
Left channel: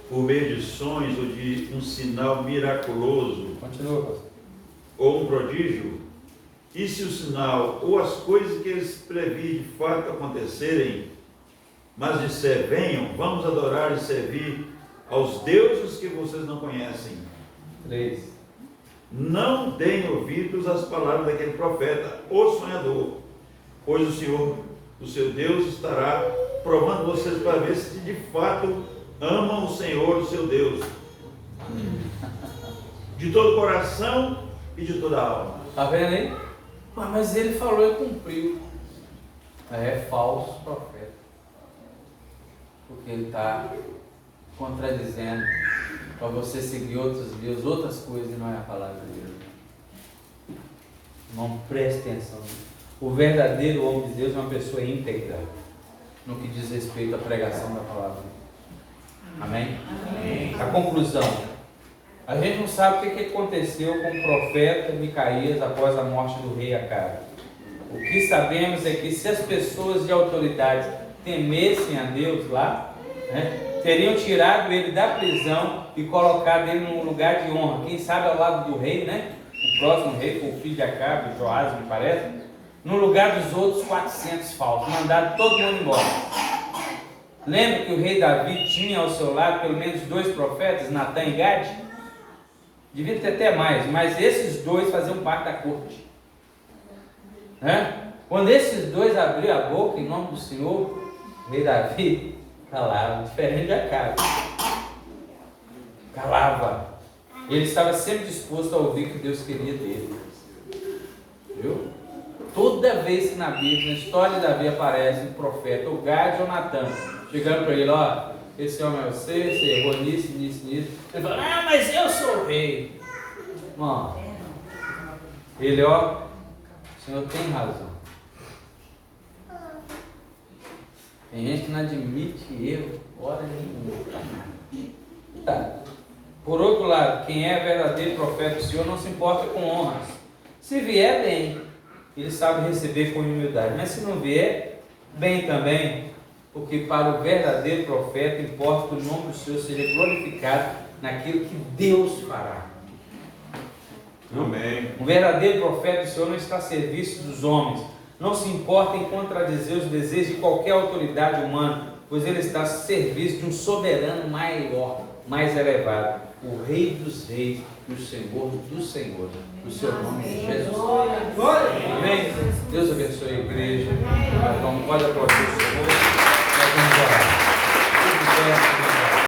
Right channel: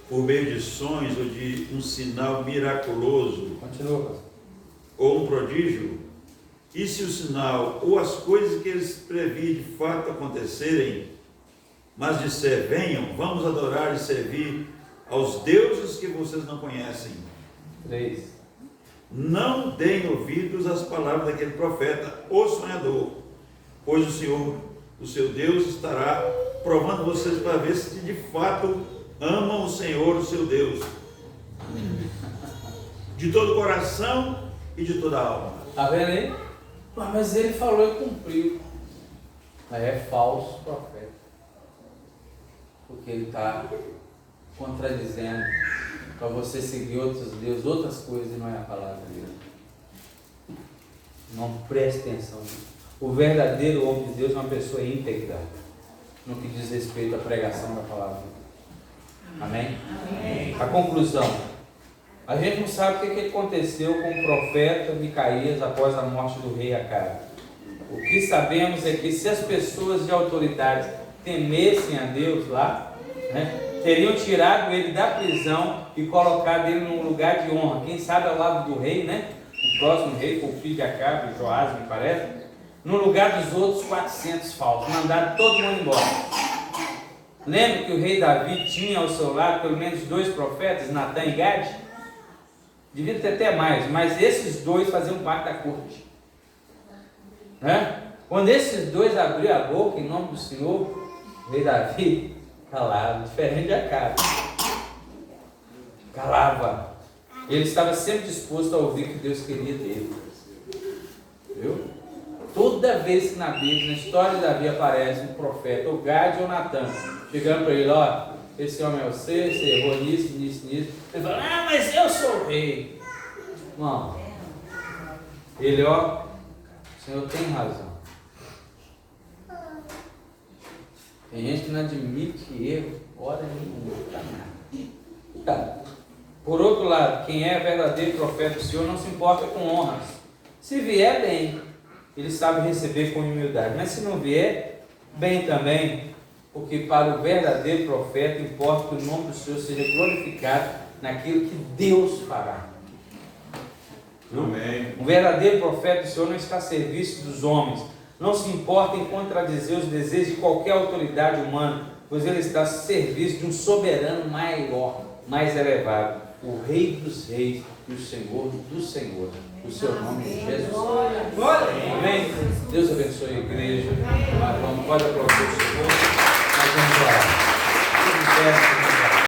por meio de sonhos ou de um sinal miraculoso, continua, pastor, ou um prodígio, e se o sinal ou as coisas que eles prevêem de fato acontecerem, mas disser, venham, vamos adorar e servir aos deuses que vocês não conhecem. 3. Não deem ouvidos às palavras daquele profeta ou sonhador, pois o Senhor, o seu Deus, estará provando vocês para ver se de fato amam o Senhor, o seu Deus, de todo o coração e de toda a alma. Está vendo aí? Mas ele falou e cumpriu. É falso profeta, porque ele está contradizendo para você seguir outros deuses, outras coisas, e não é a palavra de Deus. Não preste atenção. O verdadeiro homem de Deus é uma pessoa íntegra no que diz respeito à pregação da palavra. Amém? Amém. A conclusão: a gente não sabe o que aconteceu com o profeta Micaías após a morte do rei Acabe. O que sabemos é que se as pessoas de autoridade temessem a Deus lá, teriam tirado ele da prisão e colocado ele num lugar de honra, quem sabe ao lado do rei, o próximo rei foi o filho de Acabe, Joás, me parece, no lugar dos outros 400 falsos, mandaram todo mundo embora. Lembra que o rei Davi tinha ao seu lado pelo menos 2 profetas, Natã e Gade? Devia ter até mais, mas esses 2 faziam parte da corte. Quando esses 2 abriram a boca em nome do Senhor, o rei Davi calava, diferente de Acabe. Calava. Ele estava sempre disposto a ouvir o que Deus queria dele. Viu? Toda vez que na Bíblia, na história de Davi, aparece um profeta, ou Gade ou Natã, chegando para ele, esse homem é você errou nisso. Ele fala, mas eu sou o rei. Irmão, ele, o Senhor tem razão. Tem gente que não admite erro, hora nenhuma. Tá. Por outro lado, quem é verdadeiro profeta do Senhor não se importa com honras. Se vier, bem, ele sabe receber com humildade. Mas se não vier, bem também, porque para o verdadeiro profeta importa que o nome do Senhor seja glorificado naquilo que Deus fará. Amém. Um verdadeiro profeta do Senhor não está a serviço dos homens, não se importa em contradizer os desejos de qualquer autoridade humana, pois ele está a serviço de um soberano maior, mais elevado, o Rei dos Reis e o Senhor dos Senhores. O seu nome é Jesus. Amém? Deus abençoe a igreja.